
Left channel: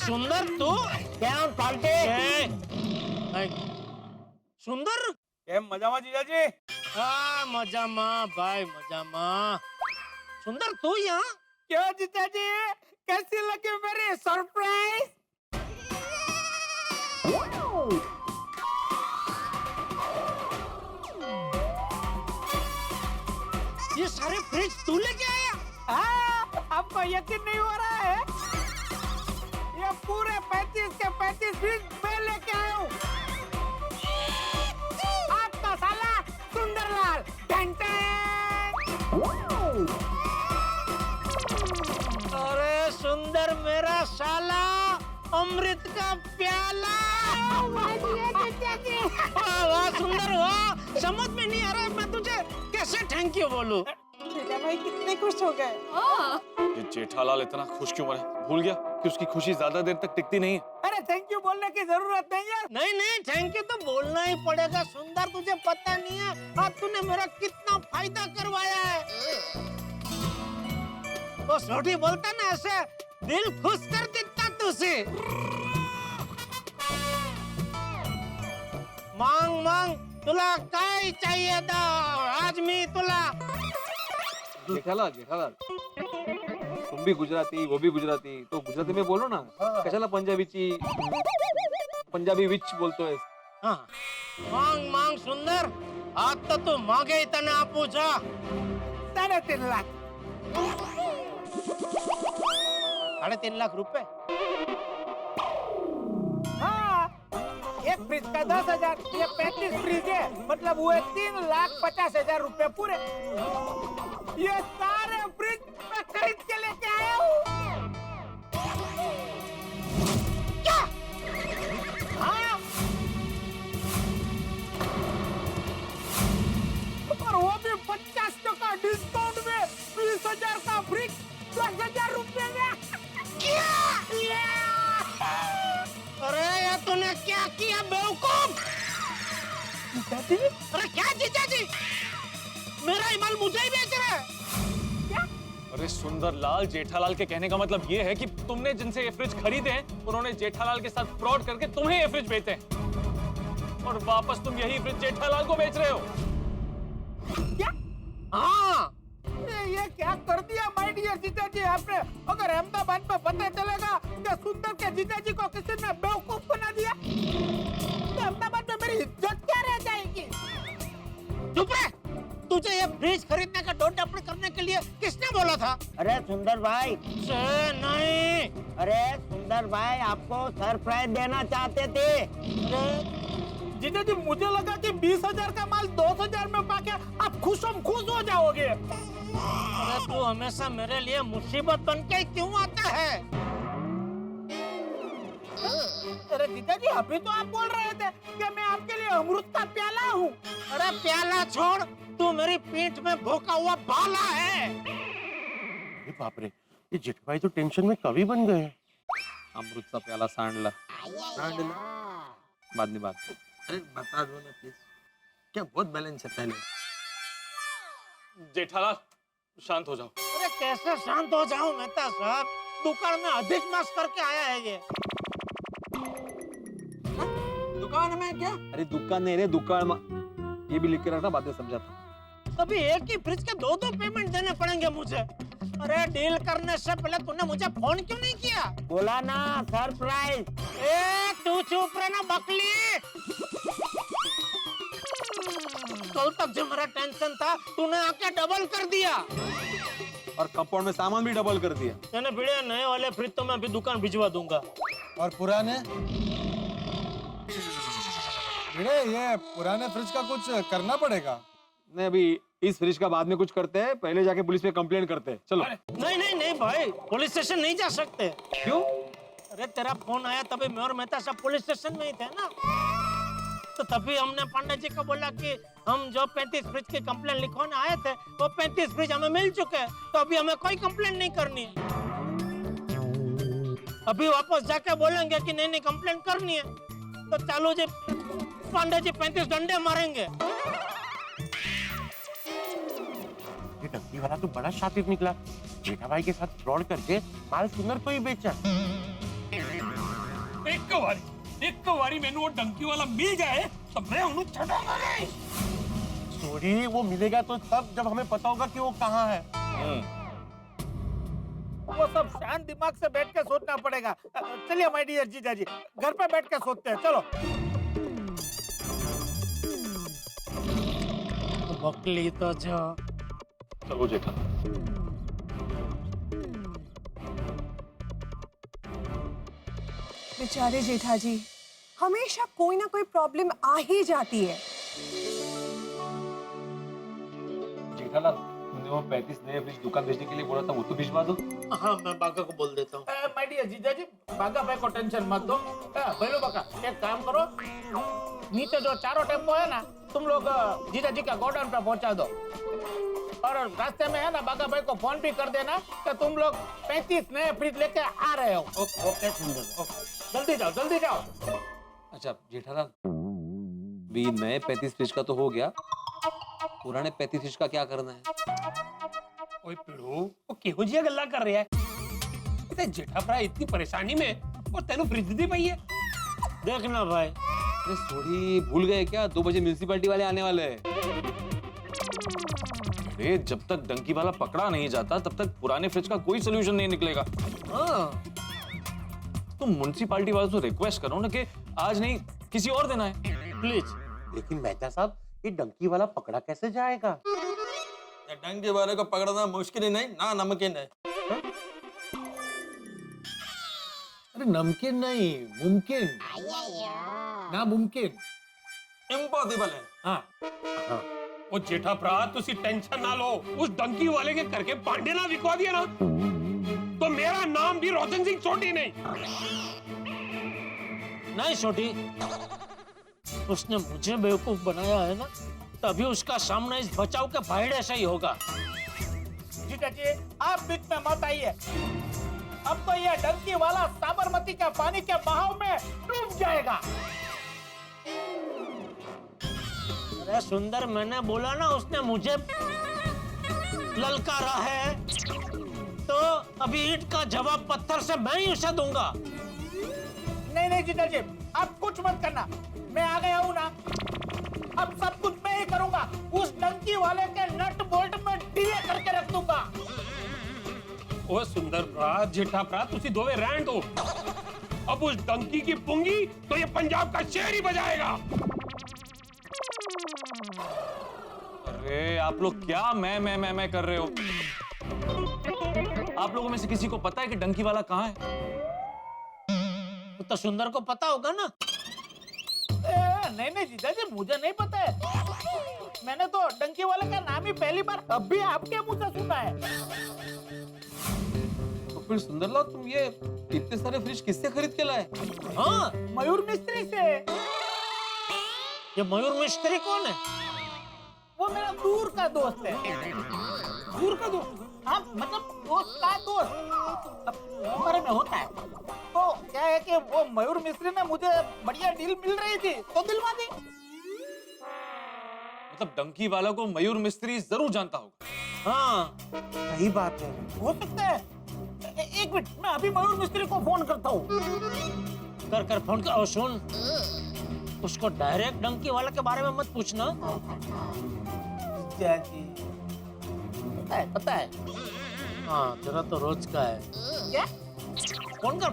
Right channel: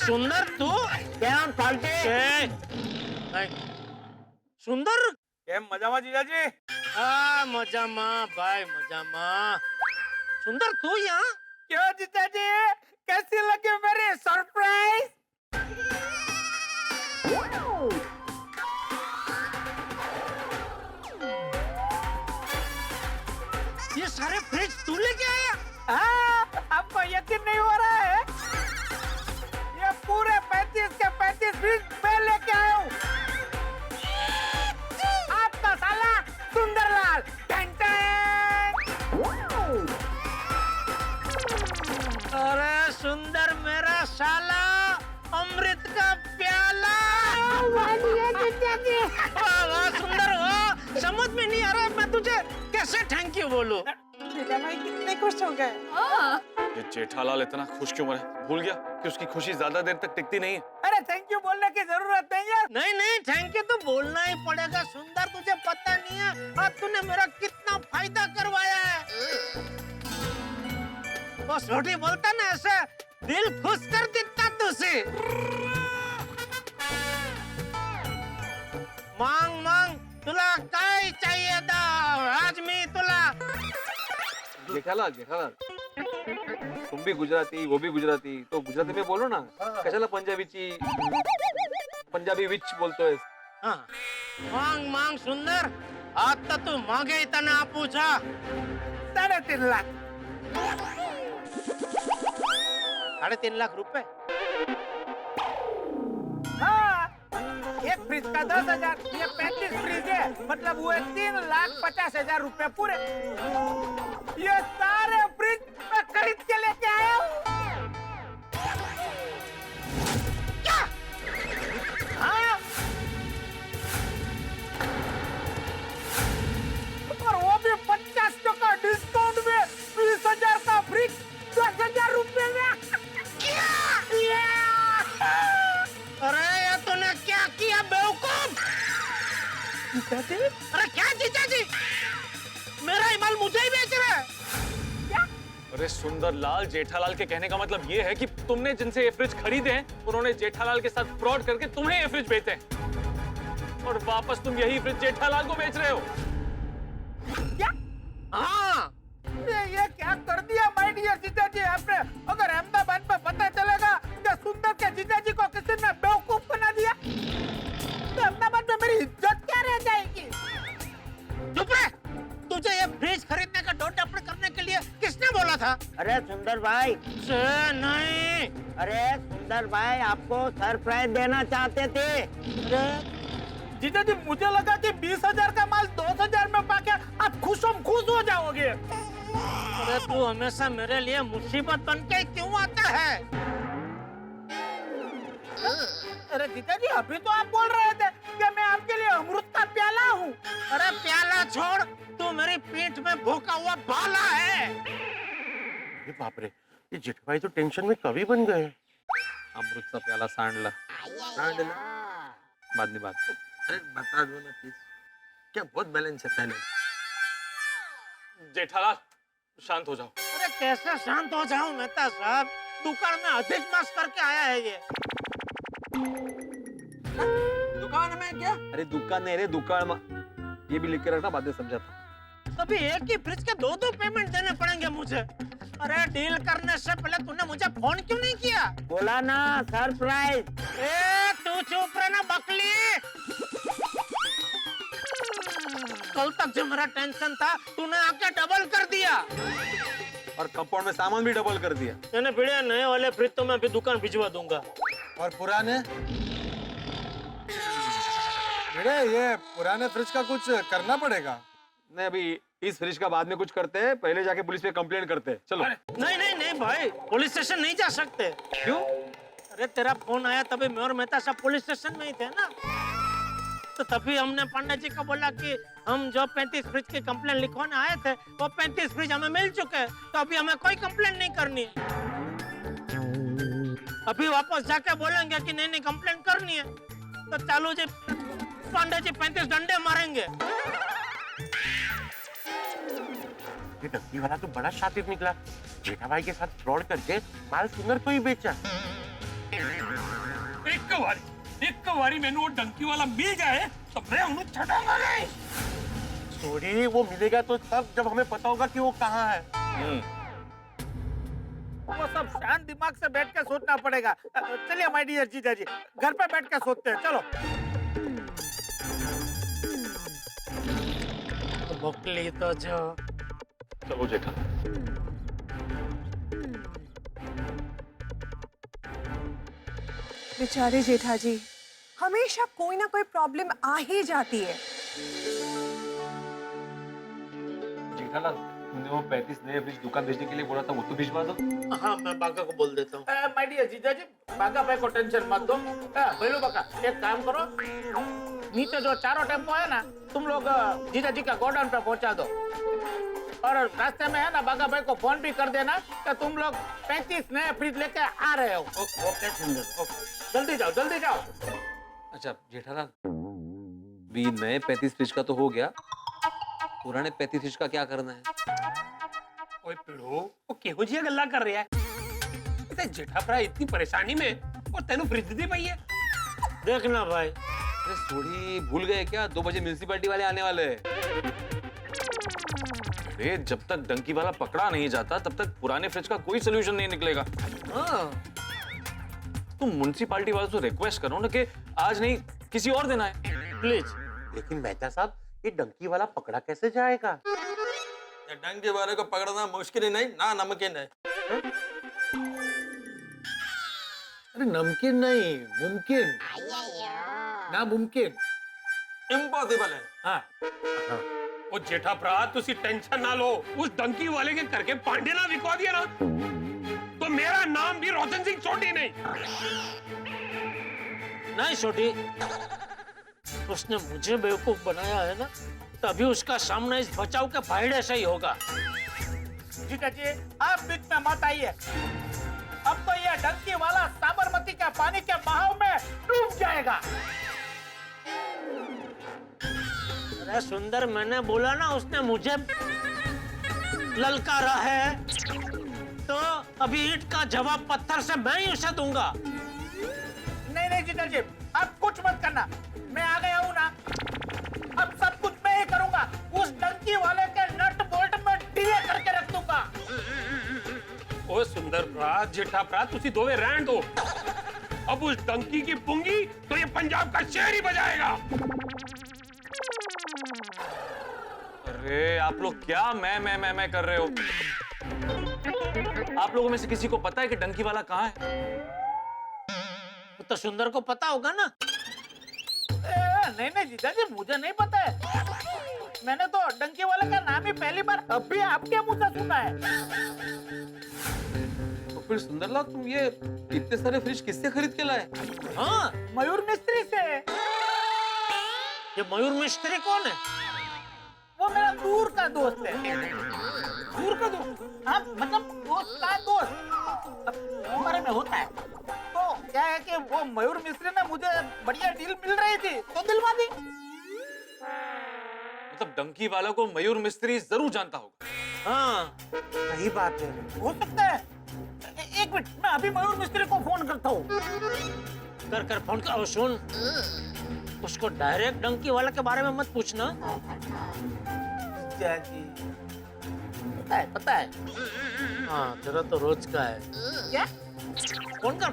सुंदर तू क्या पाल्टे? सुंदर કેમ મજામાં જીજાજી? हाँ मजामा भाई मजामा। सुंदर तू यहाँ क्यों जीजाजी, कैसी लगी मेरी सरप्राइज? ये सारे फ्रिज तू लेके आया? आपको यकीन नहीं हो रहा है? ये पूरे 35 के 35 फ्रिज मैं लेके आया हूँ। आपका साला सुंदरलाल। अरे सुंदर मेरा साला, अमृत का प्याला। वाह सुंदर वाह, समझ में नहीं आ रहा मैं तुझे कैसे थैंक यू बोलूं। जेठा भाई कितने खुश हो गए। ये जेठालाल इतना खुश क्यों है? भूल गया कि उसकी खुशी ज्यादा देर तक टिकती नहीं है। अरे थैंक यू बोलने की जरूरत नहीं है। नहीं नहीं थैंक यू तो बोलना ही पड़ेगा। सुंदर तुझे पता नहीं है आज तूने मेरा कितना फायदा करवाया है। वो छोटी बोलता ना ऐसे दिल खुश कर देता तुझे। मांग मांग तुला काय चाहिए था आज मी तुला। जेठालाल जेठालाल, तुम भी गुजराती वो भी गुजराती, तो गुजराती में बोलो ना, कशाला पंजाबी विच बोलतोय? हाँ मांग मांग सुंदर, आज तो तू मागे इतना पूछा 3.5 लाख। 3.5 लाख रुपए? हाँ, एक फ्रिज का 10,000, ये 35 फ्रिज है, मतलब वो 3,50,000 रुपए पूरे। ये सारे फ्रिज मैं खरीद के लेके आया हूँ। अरे क्या जीजा जी, मेरा ही माल मुझे ही बेच रहे हैं? अरे सुंदरलाल, जेठालाल के कहने का मतलब ये है कि तुमने जिनसे ये फ्रिज खरीदे हैं उन्होंने जेठालाल के साथ फ्रॉड करके तुम्हें ये फ्रिज बेचे हैं और वापस तुम यही फ्रिज जेठालाल को बेच रहे हो। क्या? हाँ, ये क्या कर दिया माय डियर जीजा जी आपने? अगर अहमदाबाद में पता चलेगा कि सुंदर के जीजा जी को किसी ने बेवकूफ बना दिया तो अहमदाबाद में मेरी इज्जत क्या रह जाएगी? चुप रह। तुझे ये फ्रिज खरीदने का डोंट अपने करने के लिए किसने बोला था? अरे सुंदर भाई, नहीं। अरे सुंदर भाई आपको सरप्राइज देना चाहते थे। अरे जीजा जी, मुझे लगा कि 20,000 का माल 2,000 में पाके आप खुश हो जाओगे। अरे तू हमेशा मेरे लिए मुसीबत बन के क्यों आता है? अरे जीजा जी, अभी तो आप बोल रहे थे कि मैं आपके लिए अमृत का प्याला हूँ। अरे प्याला छोड़, तू मेरी पीठ में भोंका हुआ भाला है। अरे बाप रे, ये जेठभाई तो टेंशन में कवि बन गए। अमृतचा प्याला सांडला बाद में बात। अरे बता दो ना प्लीज, क्या बहुत बैलेंस है पहले। जेठालाल शांत हो जाओ। अरे कैसे शांत हो जाऊं मेहता साहब, दुकान में अधिक मास करके आया है ये। दुकान में क्या? अरे दुकान नहीं रे, दुकान ये भी लिख के रखना, बाद में समझाता। अभी एक ही फ्रिज के दो पेमेंट देने पड़ेंगे मुझे। अरे डील करने से पहले तूने मुझे फोन क्यों नहीं किया? बोला ना सरप्राइज। ए तू चुप रहना बकली। कल तक जो मेरा टेंशन था तूने आके डबल कर दिया और कंपाउंड में सामान भी डबल कर दिया। मैंने भिड़े नए वाले फ्रिज तो मैं अभी दुकान भिजवा दूंगा। और पुराने? ये पुराने फ्रिज का कुछ करना पड़ेगा। नहीं, अभी इस फ्रिज का बाद में कुछ करते हैं, पहले जाके पुलिस पे कंप्लेंट करते हैं। चलो। नहीं भाई, पुलिस स्टेशन नहीं जा सकते। क्यों? अरे तेरा फोन आया तभी मैं और मेहता सब पुलिस स्टेशन में ही थे ना, तो तभी हमने पांडे जी को बोला कि हम जो 35 फ्रिज की कंप्लेंट लिखवाने आए थे वो 35 फ्रिज हमें मिल चुके हैं, तो अभी हमें कोई कंप्लेंट नहीं करनी है। अभी वापस जाके बोलेंगे कि नहीं कंप्लेंट करनी है, तो चालू जी पांडे जी 35 डंडे मारेंगे। ये डंकी वाला तो बड़ा शातिर निकला, जेठाभाई के साथ फ्रॉड करके माल सुंदर को ही बेचा। एक बारी मैंने वो डंकी वाला मिल जाए तो मैं उन्हें छटाऊंगा नहीं। सॉरी, वो मिलेगा तो तब जब हमें पता होगा कि वो कहाँ है। वो सब शांत दिमाग से बैठ के सोचना पड़ेगा। चलिए माय डियर जीजा जी, घर पे बैठ के सोचते हैं। चलो। बकली तो जो। चलो जेठा। बेचारे जेठा जी, हमेशा कोई ना कोई प्रॉब्लम आ ही जाती है। जेठालाल, तुमने वो 35 नए फ्रिज दुकान भेजने के लिए बोला था, वो तो भिजवा दो। हाँ, मैं बागा को बोल देता हूँ। माय डियर जीजा जी, बागा भाई को टेंशन मत दो। भैलू बागा, एक काम करो, नीचे जो चारों टेम्पो है ना, तुम लोग जीजा जी का गोडाउन पे पहुंचा दो, और रास्ते में है ना बागा भाई को फोन भी कर देना कि तुम लोग 35 नए फ्रिज लेके आ रहे हो। ओके सुंदर, जल्दी जाओ, जल्दी जाओ। अच्छा जेठालाल, भी नए 35 फ्रिज का तो हो गया, पुराने 35 फ्रिज का क्या करना है? ओए पिड़ो, वो केहो जी गल्ला कर रहा है? इतने जेठा भरा इतनी परेशानी में और तेनु फ्रिज दी पई है। देखना भाई। अरे सोड़ी, भूल गए क्या? 2 बजे म्युनिसिपैलिटी वाले आने वाले हैं। अरे जब तक डंकी वाला पकड़ा नहीं जाता तब तक पुराने फ्रिज का कोई सोल्यूशन नहीं निकलेगा। तुम म्युनिसिपैलिटी वालों से रिक्वेस्ट करो ना कि आज नहीं किसी और दिन आए प्लीज। लेकिन मेहता साहब, ये डंकी वाला पकड़ा कैसे जाएगा? डंकी वाले को पकड़ना मुश्किल ही नहीं ना नमकीन है। अरे नमकीन नहीं, मुमकिन ना, मुमकिन इम्पॉसिबल है। हाँ। वो जेठा भरा तुसी टेंशन ना लो, उस डंकी वाले के करके पांडे ना विकवा दिया ना तो मेरा नाम भी रोशन सिंह छोटी नहीं छोटी। उसने मुझे बेवकूफ बनाया है ना, तभी उसका सामना इस बचाव के भाईड़े से ही होगा। जीजा जी, आप बीच में मत आइए। अब तो ये डंकी वाला साबरमती के पानी के बहाव में डूब जाएगा। अरे सुंदर, मैंने बोला ना उसने मुझे ललकारा है, तो अभी ईंट का जवाब पत्थर से मैं ही उसे दूंगा। नहीं नहीं जीजा जी, आप कुछ मत करना, मैं आ गया हूँ ना, अब सब कुछ मैं ही करूंगा। उस डंकी वाले के नट बोल्ट में ढीले करके रख दूंगा। ओ सुंदर भरा, जेठा भरा, तुसी दोवे रहन दो। अब उस डंकी की पुंगी तो ये पंजाब का शेर ही बजाएगा। अरे आप लोग क्या मैं कर रहे हो? आप लोगों में से किसी को पता है कि डंकी वाला कहाँ है? तो सुंदर को पता होगा ना। नहीं नहीं जीजा जी, मुझे नहीं पता है। मैंने तो डंकी वाले का नाम ही पहली बार अभी आपके मुंह से सुना है। तो फिर सुंदरलाल, तुम ये इतने सारे फ्रिज किससे खरीद के लाए? हाँ, मयूर मिस्त्री से। ये मयूर मिस्त्री कौन है? वो मेरा दूर का दोस्त है। दूर का दोस्त? हाँ, मतलब दोस्त का दोस्त। अब हमारे में होता है। तो क्या है कि वो मयूर मिस्त्री ने मुझे बढ़िया डील मिल रही थी, तो दिलवा दी। मतलब डंकी वाला को मयूर मिस्त्री जरूर जानता होगा। हाँ, सही बात है, हो सकता है। एक मिनट, मैं अभी मयूर मिस्त्री को फोन करता हूँ। कर फोन कर। और सुन, उसको डायरेक्ट डंकी वाला के बारे में मत पूछना। जी पता है। हाँ, तेरा तो रोज का है। क्या? फोन कर।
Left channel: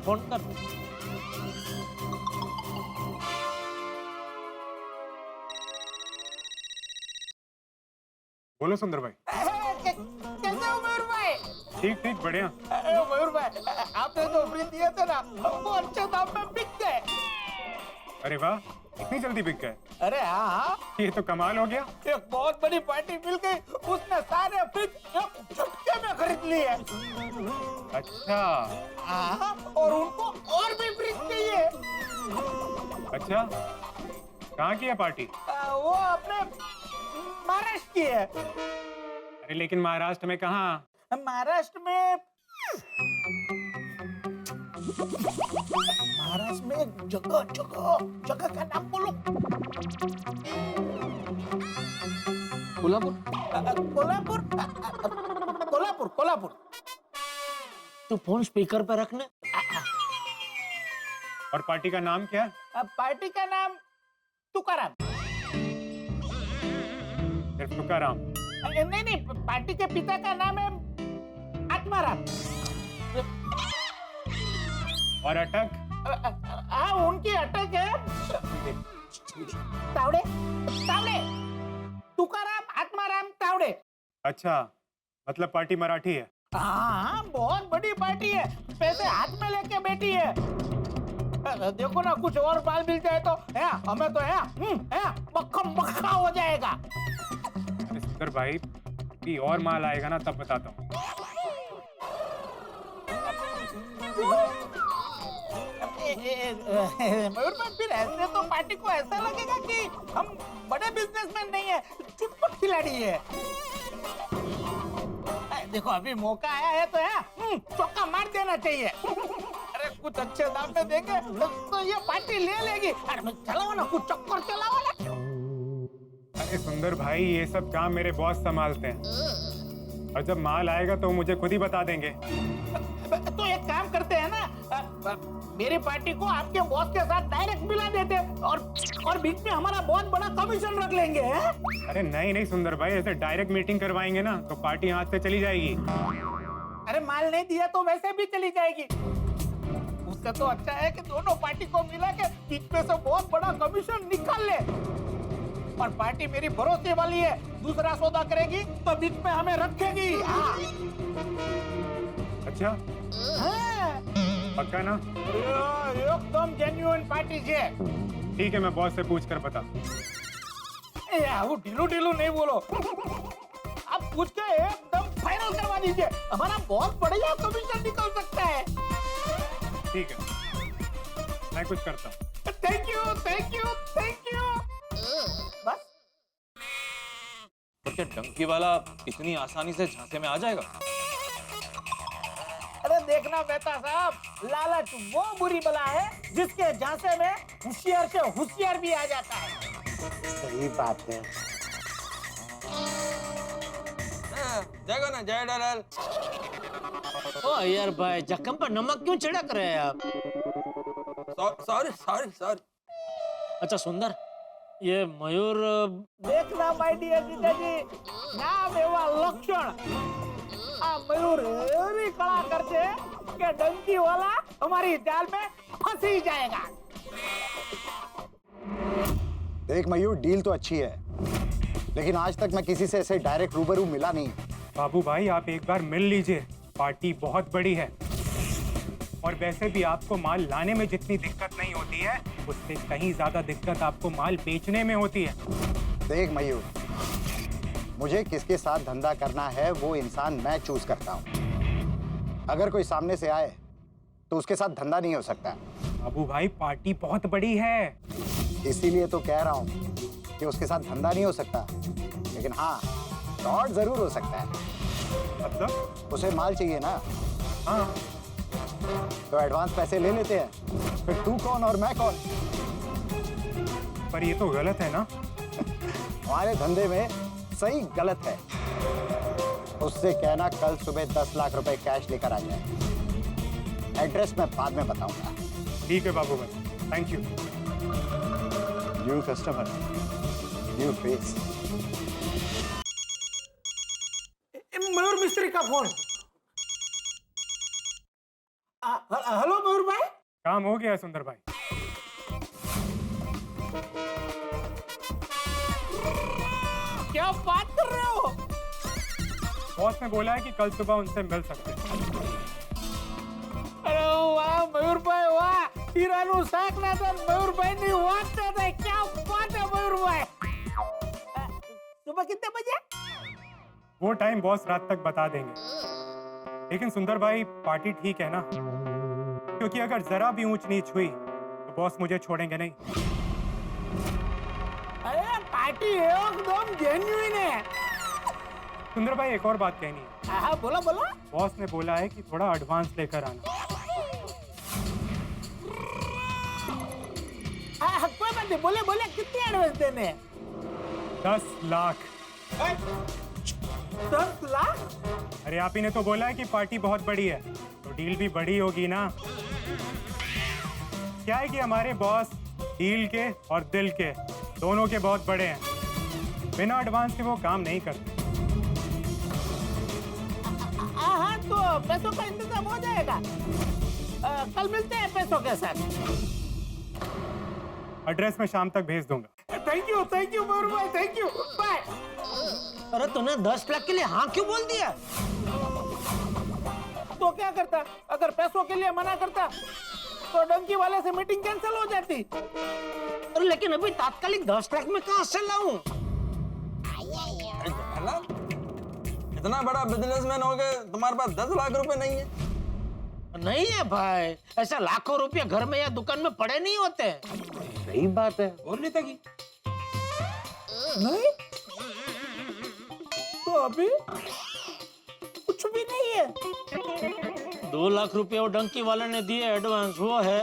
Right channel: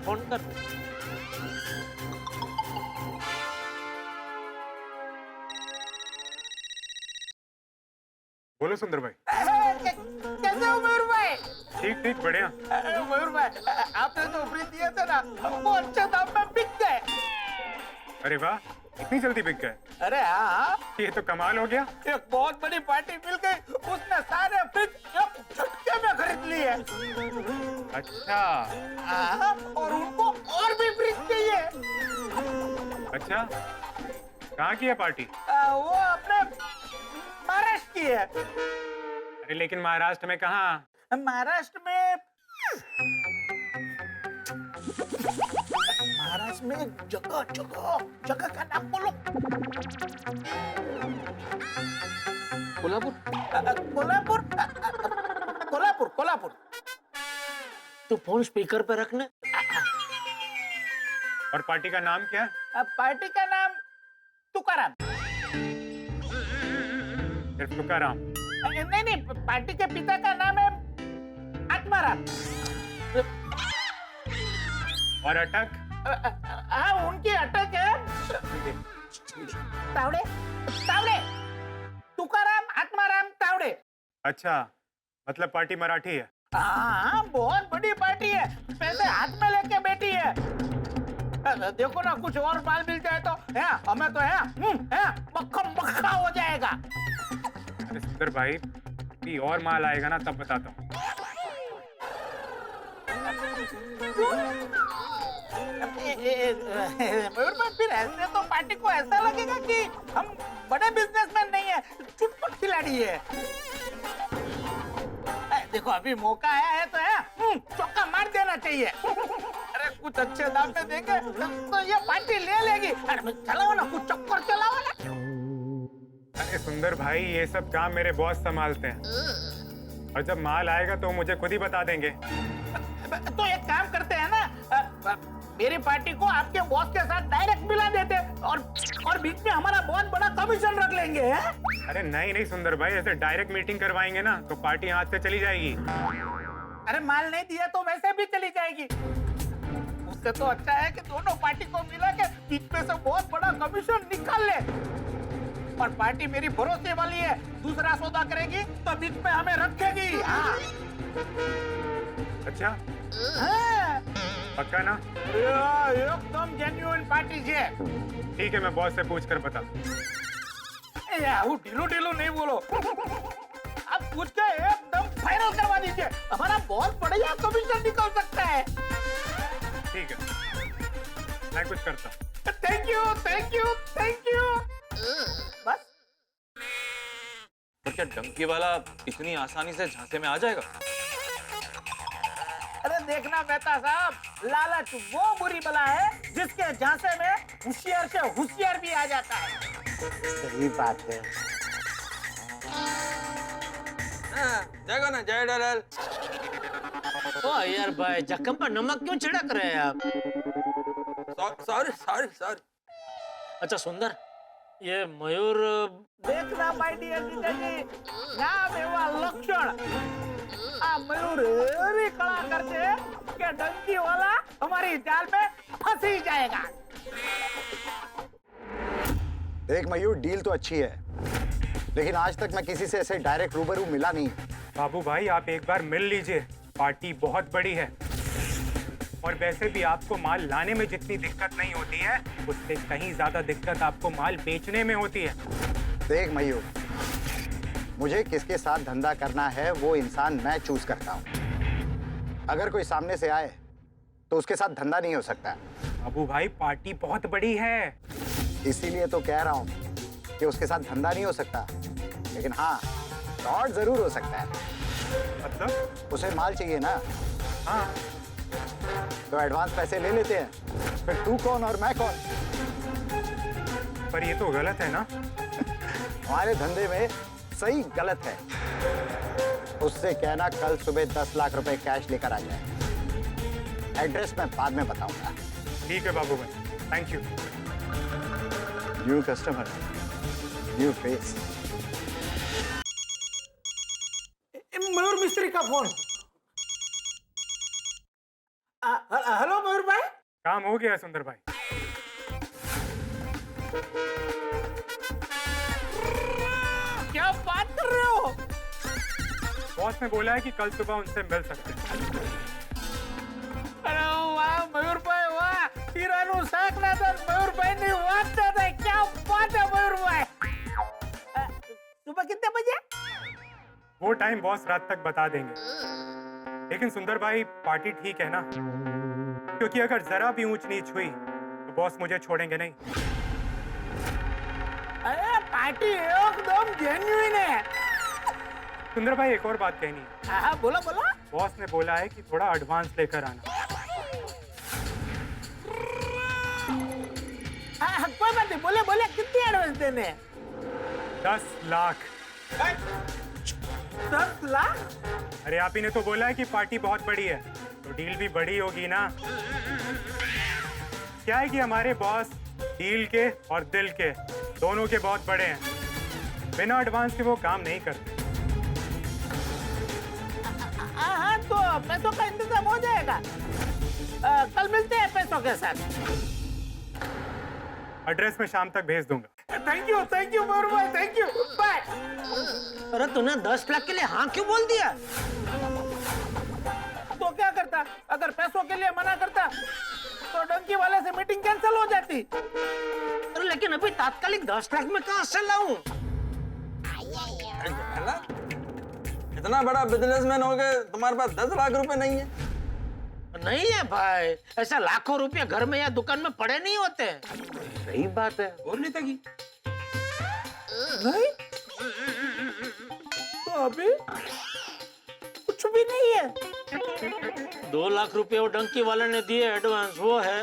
बोलो सुंदर भाई। कैसे हो मयूर भाई? ठीक ठीक बढ़िया। मयूर भाई, आपने जो फ्रिज दिए थे ना, वो अच्छे दाम में बिक गए। अरे वाह, इतनी जल्दी बिक गए? अरे हाँ, ये तो कमाल हो गया। एक बहुत बड़ी पार्टी मिल गई, उसने सारे फ्रिज एक झटके में खरीद लिए। अच्छा। हाँ, और उनको और भी फ्रिज चाहिए। अच्छा, कहाँ की है पार्टी? वो अपने महाराष्ट्र की है। अरे लेकिन महाराष्ट्र में कहाँ? महाराष्ट्र में एक जगह का नाम बोलो। कोल्हापुर। तू फोन स्पीकर पे रखना। और पार्टी का नाम क्या है? पार्टी का नाम तुकाराम। सिर्फ तुकाराम? नहीं, पार्टी के पिता का नाम है आत्माराम। और अटक? हाँ, उनकी अटक है तावड़े। तुकाराम आत्माराम तावड़े। अच्छा, मतलब पार्टी मराठी है? हाँ, बहुत बड़ी पार्टी है, पैसे हाथ में लेके बैठी है। देखो ना, कुछ और माल मिल जाए तो है, हमें तो है मक्खा हो जाएगा। अरे सुंदर भाई, भी और माल आएगा ना तब बताता हूँ। मयूर भाई, फिर ऐसे तो पार्टी को ऐसा लगेगा कि हम बड़े बिजनेसमैन नहीं है, चुटपुट खिलाड़ी है। देखो, अभी मौका आया है तो है चौका मार देना चाहिए। अरे कुछ अच्छे दाम में देंगे तो ये पार्टी ले लेगी। अरे चलाओ ना, कुछ चक्कर चलाओ ना। अरे सुंदर भाई, ये सब काम मेरे बॉस संभालते हैं, और जब माल आएगा तो मुझे खुद ही बता देंगे। तो एक काम करते हैं ना, मेरी पार्टी को आपके बॉस के साथ डायरेक्ट मिला देते, और बीच में हमारा बहुत बड़ा कमीशन रख लेंगे। अरे नहीं सुंदर भाई, ऐसे डायरेक्ट मीटिंग करवाएंगे ना तो पार्टी हाथ से चली जाएगी। अरे माल नहीं दिया तो वैसे भी चली जाएगी। उससे तो अच्छा है कि दोनों पार्टी को मिला के बीच में से बहुत बड़ा कमीशन निकाल ले। और पार्टी मेरी भरोसे वाली है, दूसरा सौदा करेगी तो बीच में हमें रखेगी। हाँ। अच्छा? हाँ। पक्का ना? एकदम जेन्युइन पार्टी है। ठीक है, मैं बॉस से पूछ कर बता। ढीलू नहीं बोलो, आप पूछ के एकदम फाइनल करवा दीजिए, हमारा बहुत बढ़िया कमीशन निकल सकता है। ठीक है, मैं कुछ करता हूँ। Thank you. बस? तो क्या डंकी वाला इतनी आसानी से झांसे में आ जाएगा? अरे देखना मेहता साहब, लालच वो बुरी बला है जिसके झांसे में होशियार से होशियार भी आ जाता है। सही बात है। जगो ना जय डलाल। ओ यार भाई, जख्म पर नमक क्यों छिड़क रहे हैं आप? Sorry sorry sorry. अच्छा सुंदर, ये मयूर देखना माय डियर जीजाजी, नाम एवा लक्षण आ मयूर एरी कला करते कि डंकी वाला हमारी जाल में फंसी जाएगा। देख मयूर, डील तो अच्छी है, लेकिन आज तक मैं किसी से ऐसे डायरेक्ट रूबरू मिला नहीं। बाबू भाई आप एक बार मिल लीजिए, पार्टी बहुत बड़ी है। और वैसे भी आपको माल लाने में जितनी दिक्कत नहीं होती है, उससे कहीं ज्यादा दिक्कत आपको माल बेचने में होती है। देख मयूर, मुझे किसके साथ धंधा करना है वो इंसान मैं चूज करता हूँ। अगर कोई सामने से आए तो उसके साथ धंधा नहीं हो सकता। बाबू भाई पार्टी बहुत बड़ी है, इसीलिए तो कह रहा हूँ कि उसके साथ धंधा नहीं हो सकता, लेकिन हाँ फ्रॉड जरूर हो सकता है। मतलब उसे माल चाहिए ना। हाँ तो एडवांस पैसे ले लेते हैं, फिर तू कौन और मैं कौन। पर ये तो गलत है ना। हमारे धंधे में सही गलत है। उससे कहना कल सुबह 10 लाख रुपए कैश लेकर आ जाए। एड्रेस मैं बाद में बताऊंगा। ठीक है Babu Bhai, thank you. New customer, new face. Mayur Mistry का फोन। हेलो मयूर भाई। काम हो गया सुंदर भाई। क्या बात कर रहे हो? बॉस ने बोला है कि कल सुबह उनसे मिल सकते हैं। अरे वाह मयूर भाई वाह, हीरानु शाक ना तो मयूर भाई ने बात था। क्या बात है मयूर भाई। सुबह कितने बजे? वो टाइम बॉस रात तक बता देंगे। लेकिन सुंदर भाई पार्टी ठीक है ना? क्योंकि अगर जरा भी ऊंच नीच हुई तो बॉस मुझे छोड़ेंगे नहीं। अरे पार्टी एकदम जेन्युइन है। सुंदर भाई एक और बात कहनी है। हाँ बोला बोला। बॉस ने बोला है कि थोड़ा एडवांस लेकर आना। हाँ कोई बात नहीं, बोले बोले कितनी एडवांस देने हैं? 10 लाख। 10 लाख? अरे आप ही ने तो बोला है कि पार्टी बहुत बड़ी है, तो डील भी बड़ी होगी ना। क्या है कि हमारे बॉस डील के और दिल के दोनों के बहुत बड़े हैं। बिना एडवांस के वो काम नहीं करते। हाँ तो पैसों का इंतजाम हो जाएगा। कल मिलते हैं पैसों के साथ। एड्रेस में शाम तक भेज दूंगा। थैंक यू मयूर भाई, थैंक यू, बाय। अरे तूने 10 लाख के लिए हाँ क्यों बोल दिया? तो क्या करता? अगर पैसों के लिए मना करता तो डंकी वाले से मीटिंग कैंसिल हो जाती। लेकिन अभी तात्कालिक 10 लाख में कहां से लाऊं? इतना बड़ा बिजनेसमैन हो गए, तुम्हारे पास 10 लाख रुपए नहीं है? नहीं है भाई, ऐसा लाखों रुपए घर में या दुकान में पड़े नहीं होते। सही बात है। और नेताजी नहीं तो अभी कुछ भी नहीं है। 2 लाख रुपए वो डंकी वाले ने दिए एडवांस, वो है,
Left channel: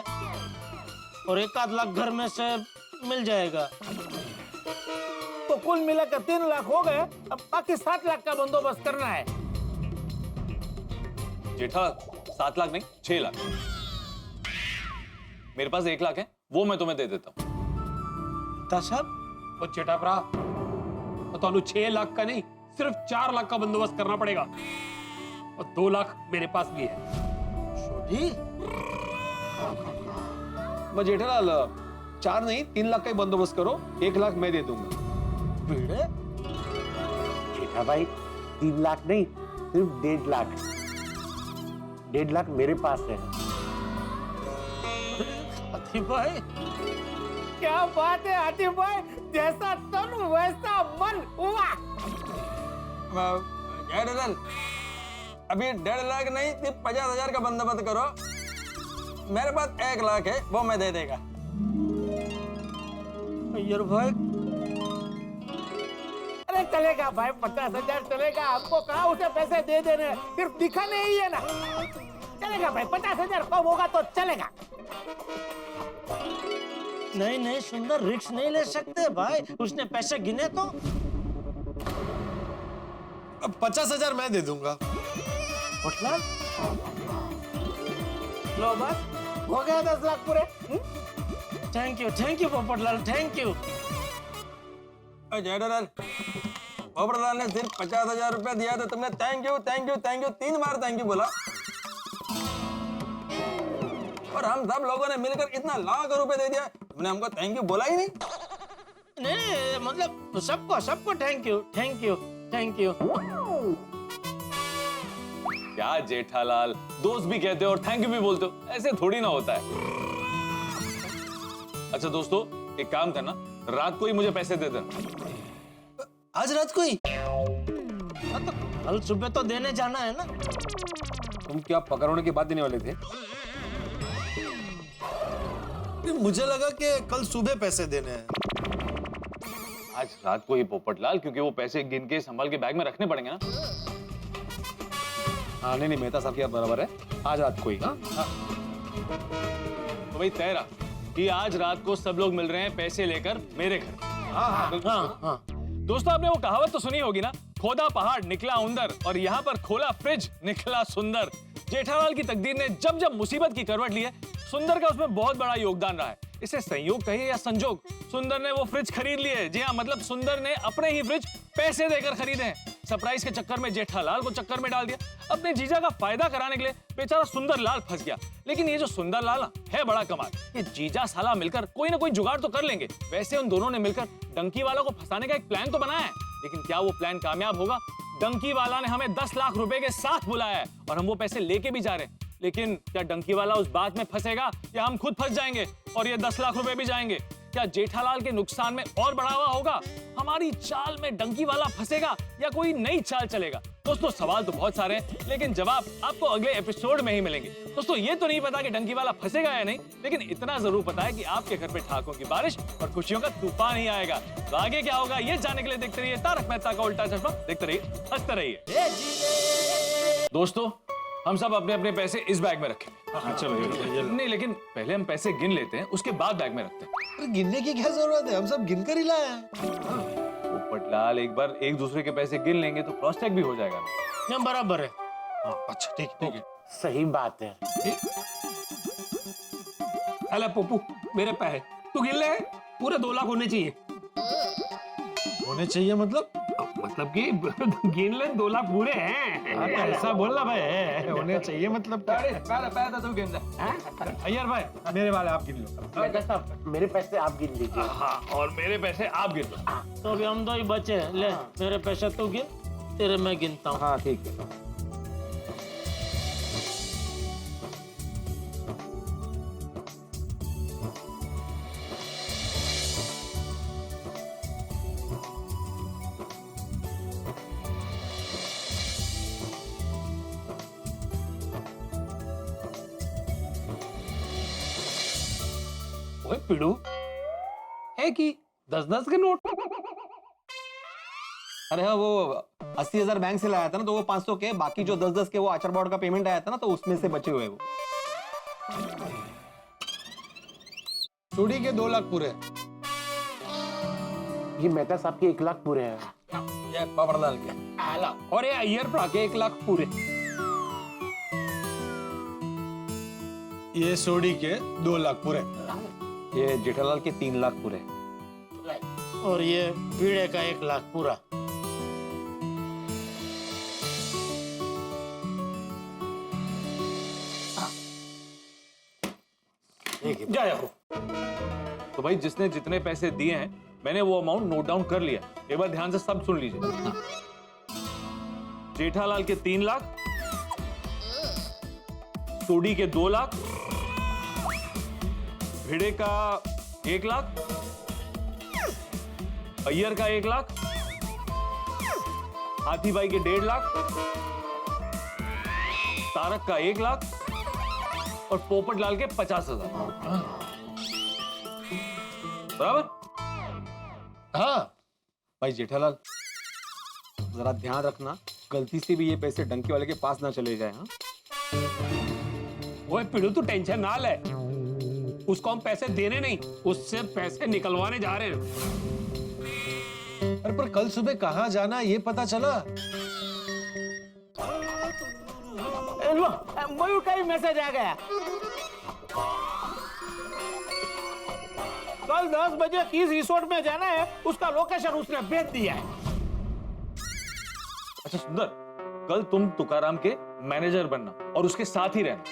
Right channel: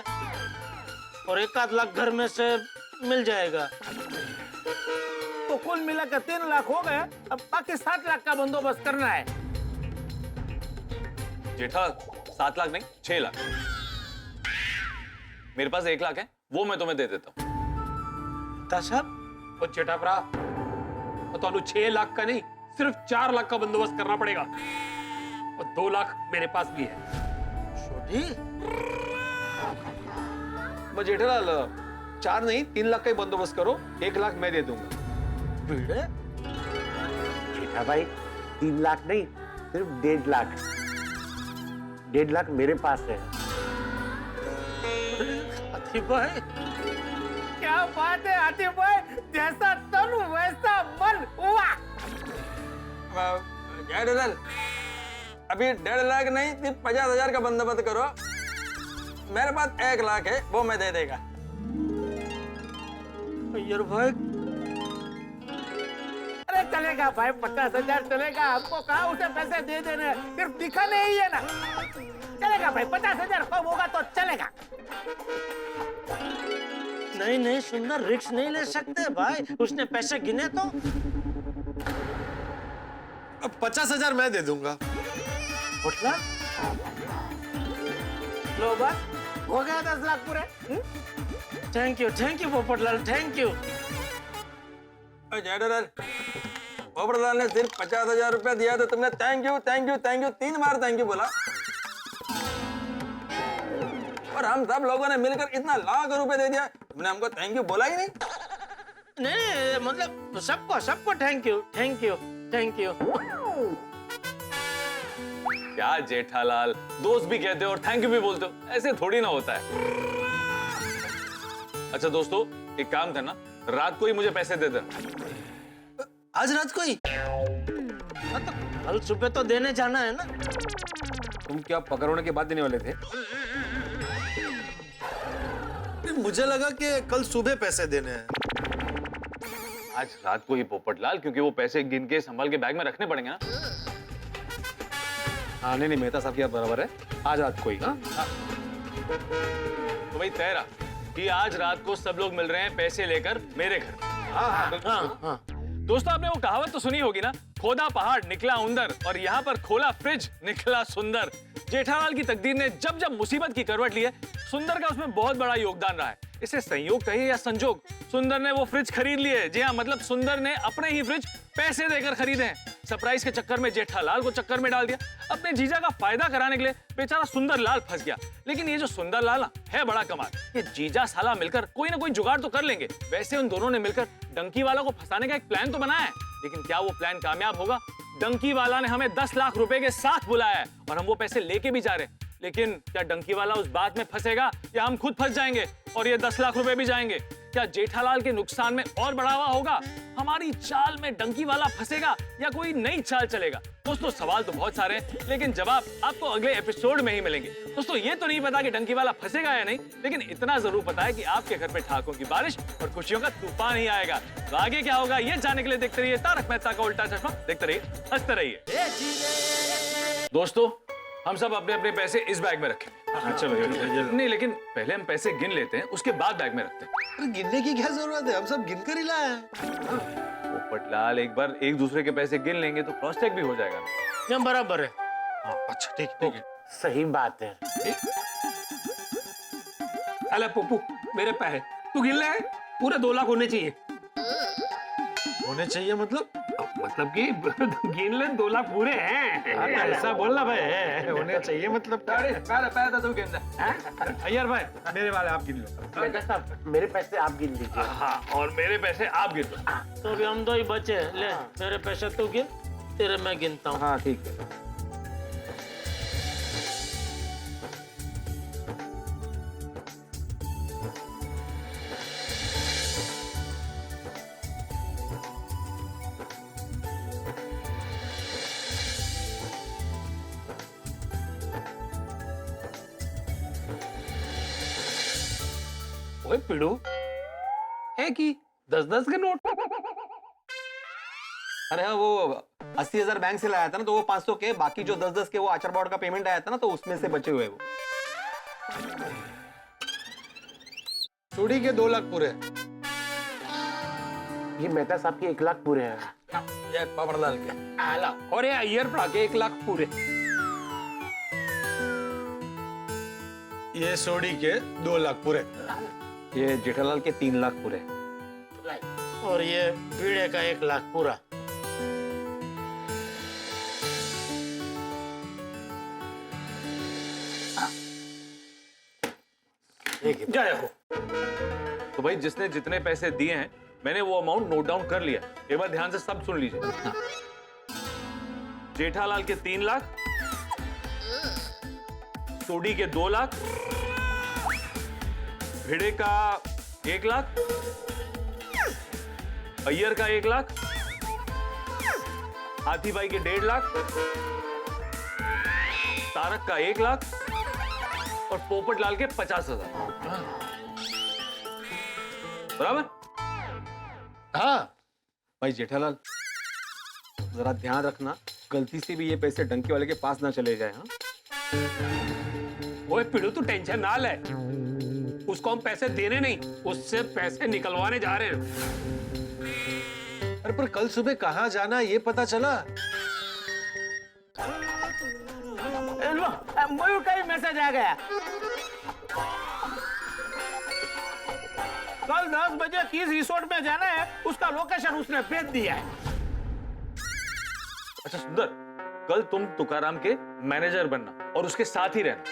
और 1 लाख घर में से मिल जाएगा। तो कुल मिलाकर 3 लाख हो गए। अब बाकी 7 लाख का बंदोबस्त करना है। जेठा 7 लाख नहीं 6 लाख। मेरे पास 1 लाख है, वो मैं तुम्हें दे देता हूँ। और जेठा भरा तो 6 लाख का नहीं, सिर्फ 4 लाख का बंदोबस्त करना पड़ेगा। और 2 लाख मेरे पास भी है। जेठालाल 4 नहीं 3 लाख का ही बंदोबस्त करो, 1 लाख मैं दे दूंगा। जेठा भाई 3 लाख नहीं, सिर्फ 1.5 लाख। 1.5 लाख मेरे पास है। हाथी भाई क्या बात है हाथी भाई, जैसा तन वैसा मन। वाह जय डलाल, अभी 1.5 लाख नहीं, सिर्फ 50,000 का बंदोबस्त करो। मेरे पास 1 लाख है, वो मैं दे देगा। यार भाई अरे चलेगा भाई, 50,000 चलेगा। हमको कहा उसे पैसे दे देने, सिर्फ दिखाने ही है ना। चलेगा भाई, 50,000 कम होगा तो चलेगा। नहीं नहीं सुंदर, रिस्क नहीं ले सकते भाई, उसने पैसे गिने तो। अब 50,000 मैं दे दूंगा। पोपटलाल, लो बस हो गया 10 लाख पूरे। Thank you Popatlal, thank you. Jethalal, Popatlal ने सिर्फ 50,000 रुपया दिया तो तुमने thank you 3 bar thank you बोला। और हम सब लोगों ने मिलकर इतना लाख रुपए दे दिया, तुमने हमको थैंक यू बोला ही नहीं। नहीं मतलब सबको थैंक यू। क्या जेठालाल, दोस्त भी कहते हो और थैंक यू भी बोलते हो, ऐसे थोड़ी ना होता है। अच्छा दोस्तों, एक काम करना, रात को ही मुझे पैसे दे देना। आज रात को ही? तो कल सुबह तो देने जाना है ना। तुम क्या पकड़ने के बाद देने वाले थे? मुझे लगा कि कल सुबह पैसे देने हैं। आज रात को ही पोपटलाल, क्योंकि वो पैसे गिन के संभाल के बैग में रखने पड़ेंगे ना। हाँ नहीं मेहता साहब क्या बराबर है, आज रात को ही। हाँ तो भाई तय रहा कि आज रात को सब लोग मिल रहे हैं पैसे लेकर मेरे घर। हाँ। दोस्तों, आपने वो कहावत तो सुनी होगी ना, खोदा पहाड़ निकला उंदर और यहाँ पर खोला फ्रिज निकला सुंदर। जेठालाल की तकदीर ने जब जब मुसीबत की करवट ली है, सुंदर का उसमें बहुत बड़ा योगदान रहा है। इसे संयोग कहिए या संजोग, सुंदर ने वो फ्रिज खरीद लिए। जी हाँ, मतलब सुंदर ने अपने ही फ्रिज पैसे देकर खरीदे हैं। सरप्राइज के चक्कर में जेठालाल को चक्कर में डाल दिया। अपने जीजा का फायदा कराने के लिए बेचारा सुंदर लाल फंस गया। लेकिन ये जो सुंदर लाल है बड़ा कमाल, ये जीजा साला मिलकर कोई ना कोई जुगाड़ तो कर लेंगे। वैसे उन दोनों ने मिलकर डंकी वाला को फंसाने का एक प्लान तो बनाया है, लेकिन क्या वो प्लान कामयाब होगा? डंकी वाला ने हमें 10 लाख रुपए के साथ बुलाया है और हम वो पैसे लेके भी जा रहे हैं। लेकिन क्या डंकी वाला उस बात में फंसेगा या हम खुद फंस जाएंगे और ये 10 लाख रुपए भी जाएंगे? क्या जेठालाल के नुकसान में और बढ़ावा होगा? हमारी चाल में डंकी वाला फंसेगा या कोई नई चाल चलेगा? दोस्तों, सवाल तो बहुत सारे हैं, लेकिन जवाब आपको अगले एपिसोड में ही मिलेंगे। दोस्तों, ये तो नहीं पता कि डंकी वाला फंसेगा या नहीं, लेकिन इतना जरूर पता है कि आपके घर पे ठाकों की बारिश और खुशियों का तूफान ही आएगा। तो आगे क्या होगा ये जानने के लिए देखते रहिए तारक मेहता का उल्टा चश्मा। देखते रहिए, हंसते रहिए। दोस्तों, हम सब अपने अपने पैसे इस बैग में रखें। चलो नहीं, लेकिन पहले हम पैसे गिन लेते हैं, उसके बाद बैग में रखते हैं। गिनने की क्या जरूरत है, हम सब गिनकर ही लाए हैं। पोपटलाल, एक बार एक दूसरे के पैसे गिन लेंगे तो क्रॉस चेक भी हो जाएगा। बराबर है। अच्छा ठीक है। सही बात है। अरे पप्पू, मेरे पैसे तू गिन ले, पूरे 2 लाख होने चाहिए। होने चाहिए मतलब कि गिन ले, 2 लाख पूरे हैं। ऐसा बोलना भाई, होने चाहिए मतलब अय्यर भाई, मेरे वाले आप गिन लो। मेहता साहब, मेरे पैसे आप गिन लीजिए। हाँ, और मेरे पैसे आप गिन लो। तो अभी हम 2 ही बचे। ले मेरे पैसे तू गिन, तेरे मैं गिनता हूँ। हाँ ठीक है। ओए पिड़ू, है कि 10-10 के नोट? अरे हाँ, वो 80,000 बैंक से लाया था ना, तो वो 500 के, बाकी जो 10-10 के वो आचार बोर्ड का पेमेंट आया था ना, तो उसमें से बचे हुए वो। चूड़ी के 2 लाख पूरे। ये मेहता साहब के 1 लाख पूरे हैं। ये पोपटलाल के। और ये अय्यर प्रा के 1 लाख पूरे। ये सोडी के 2 लाख पूरे। ये जेठालाल के 3 लाख पूरे। और ये पीड़े का 1 लाख पूरा। जय हो। तो भाई, जिसने जितने पैसे दिए हैं, मैंने वो अमाउंट नोट डाउन कर लिया। एक बार ध्यान से सब सुन लीजिए। जेठालाल के 3 लाख, सोडी के 2 लाख, भिड़े का 1 लाख, अय्यर का 1 लाख, हाथी भाई के 1.5 लाख, तारक का 1 लाख और पोपटलाल के 50,000। बराबर? हाँ भाई जेठालाल, जरा ध्यान रखना, गलती से भी ये पैसे डंकी वाले के पास ना चले जाए। हाँ ओए पिड़ू, तू टेंशन ना ले, उसको हम पैसे देने नहीं, उससे पैसे निकलवाने जा रहे हैं। अरे पर कल सुबह कहाँ जाना ये पता चला? लो, मयूर का ही मैसेज आ गया। कल 10 बजे किस रिसोर्ट में जाना है उसका लोकेशन उसने भेज दिया है। अच्छा सुंदर, कल तुम तुकाराम के मैनेजर बनना और उसके साथ ही रहना।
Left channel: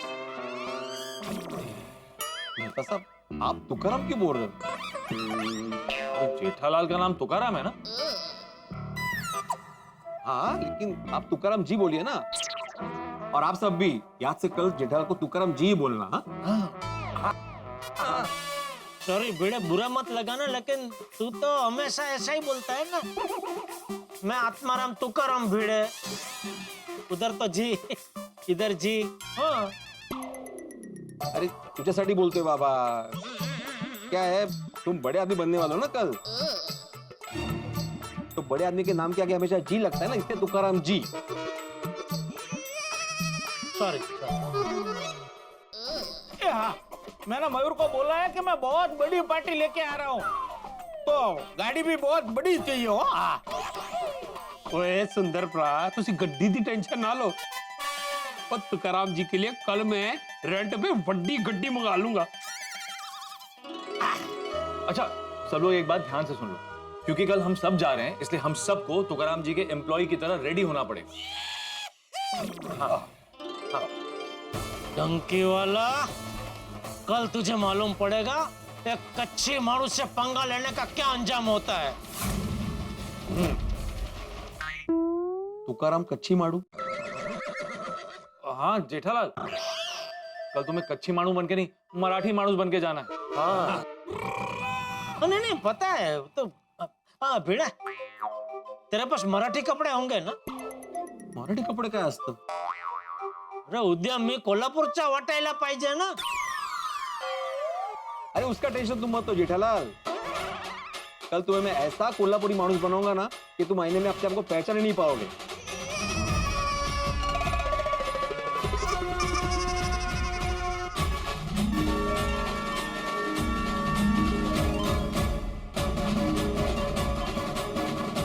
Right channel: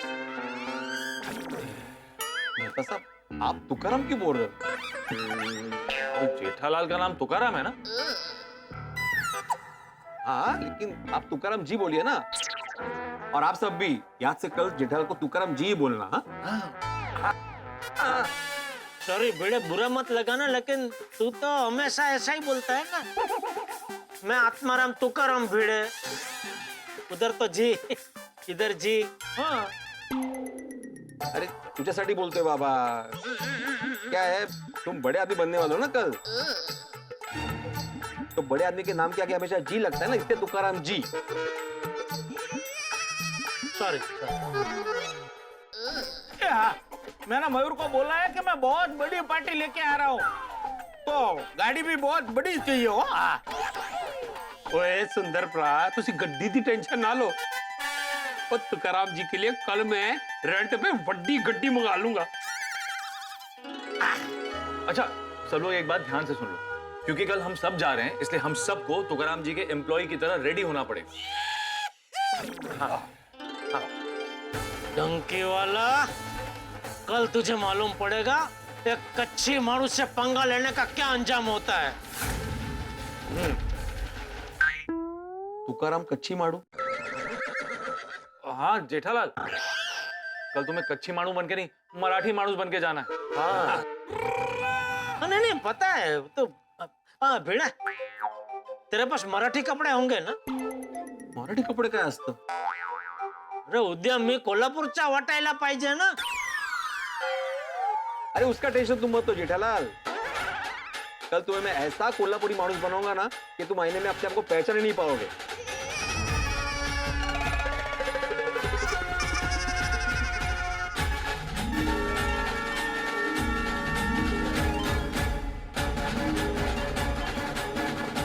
मेहता साहब, आप तुकाराम क्यों बोल रहे हो? तो जेठालाल का नाम तुकाराम है ना? हाँ, लेकिन आप तुकाराम जी बोलिए ना। और आप सब भी याद से कल जेठालाल को तुकाराम जी ही बोलना। हाँ? सॉरी भिड़े, बुरा मत लगाना, लेकिन तू तो हमेशा ऐसा ही बोलता है ना। मैं आत्माराम तुकाराम भिड़े, उधर तो जी, इधर जी। हाँ। अरे तुझ्यासाठी बोलतोय बाबा। क्या है, तुम बड़े आदमी बनने वाले हो ना कल, तो बड़े आदमी के नाम के आगे हमेशा जी लगता है ना, इसलिए तुकाराम जी। सॉरी। हाँ, मैंने मयूर को बोला है कि मैं बहुत बड़ी पार्टी लेके आ रहा हूँ, तो गाड़ी भी बहुत बड़ी चाहिए हो। ओए सुंदर भरा, तुसी गड्डी दी टेंशन ना लो। और तुकाराम जी के लिए कल मैं रेंट पे बड़ी गड्डी मंगा लूंगा। अच्छा सब लोग एक बात ध्यान से सुन लो, क्योंकि कल हम सब जा रहे हैं, इसलिए हम सबको तुकाराम जी के एम्प्लॉय की तरह रेडी होना पड़ेगा। हाँ। हाँ। डंकी वाला, कल तुझे मालूम पड़ेगा एक कच्ची मानुष से पंगा लेने का क्या अंजाम होता है। तुकाराम कच्ची माड़ू? हाँ जेठालाल, कल तुम्हें कच्ची माणू बन के नहीं, मराठी माणूस बन के जाना है। हाँ। नहीं पता है तो। हाँ भिड़ा, तेरे पास मराठी कपड़े होंगे ना? मराठी कपडे काय असतं? अरे उद्या मी कोल्हापूरचा वाटायला पाहिजे ना। अरे उसका टेंशन तुम मत लो जेठालाल, कल तुम्हें मैं ऐसा कोल्हापुरी मानुस बनाऊंगा ना कि तुम आईने में अपने आप को पहचान ही नहीं पाओगे।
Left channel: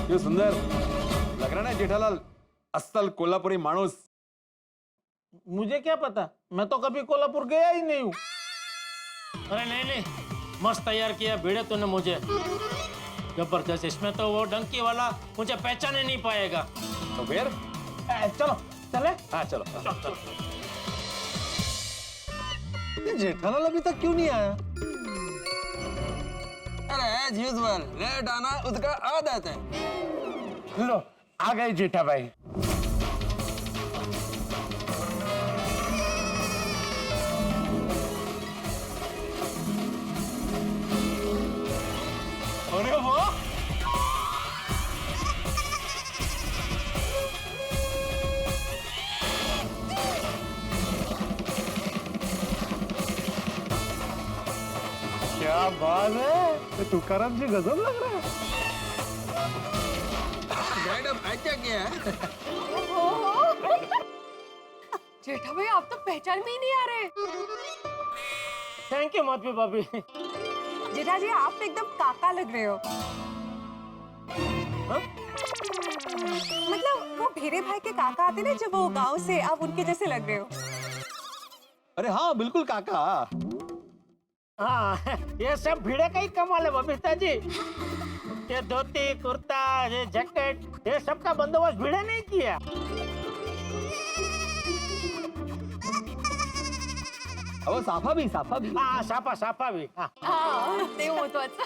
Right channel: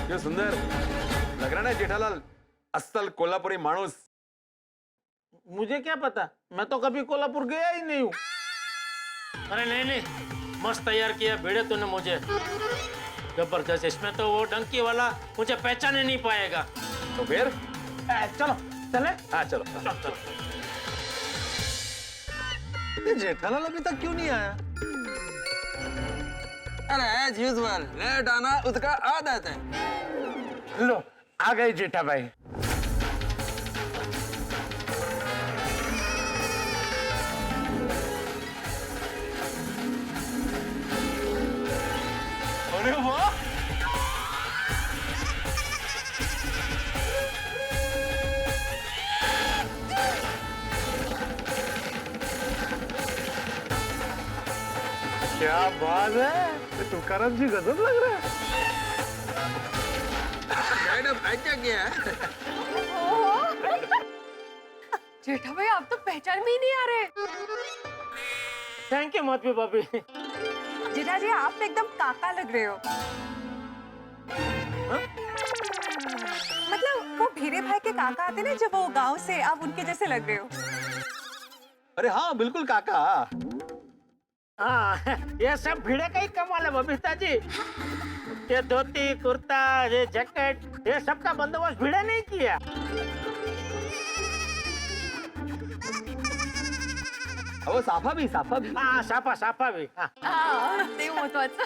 ये सुंदर लग रहा है ना जेठालाल, असल कोल्हापुरी मानुस। मुझे क्या पता, मैं तो कभी कोल्हापुर गया ही नहीं हूँ। अरे नहीं, मस्त तैयार किया भिड़े तूने मुझे, जबरदस्त। इसमें तो वो डंकी वाला मुझे पहचान ही नहीं पाएगा। तो फिर चलो चले। हाँ चलो। ये जेठालाल अभी तक क्यों नहीं आया? अरे एज यूजुअल लेट आना उसका आदत है। लो आ गए जेठा भाई। अरे वाह, क्या बात है, ये तुकाराम जी गजब लग रहा है। मैडम अच्छा क्या है? जेठा भाई आप तो पहचान में ही नहीं आ रहे। थैंक यू मौतवी भाभी। जेठा जी आप एकदम काका लग रहे हो। मतलब वो भीरे भाई के काका आते ना जब वो गांव से, आप उनके जैसे लग रहे हो। अरे हाँ बिल्कुल काका। हाँ, ये सब भिड़े का ही कमाल है बबीता जी। ये धोती कुर्ता, ये जैकेट, ये सब का बंदोबस्त भिड़े नहीं किया। अहो साफा भी। हाँ साफा भी। हाँ ते महत्वाचं।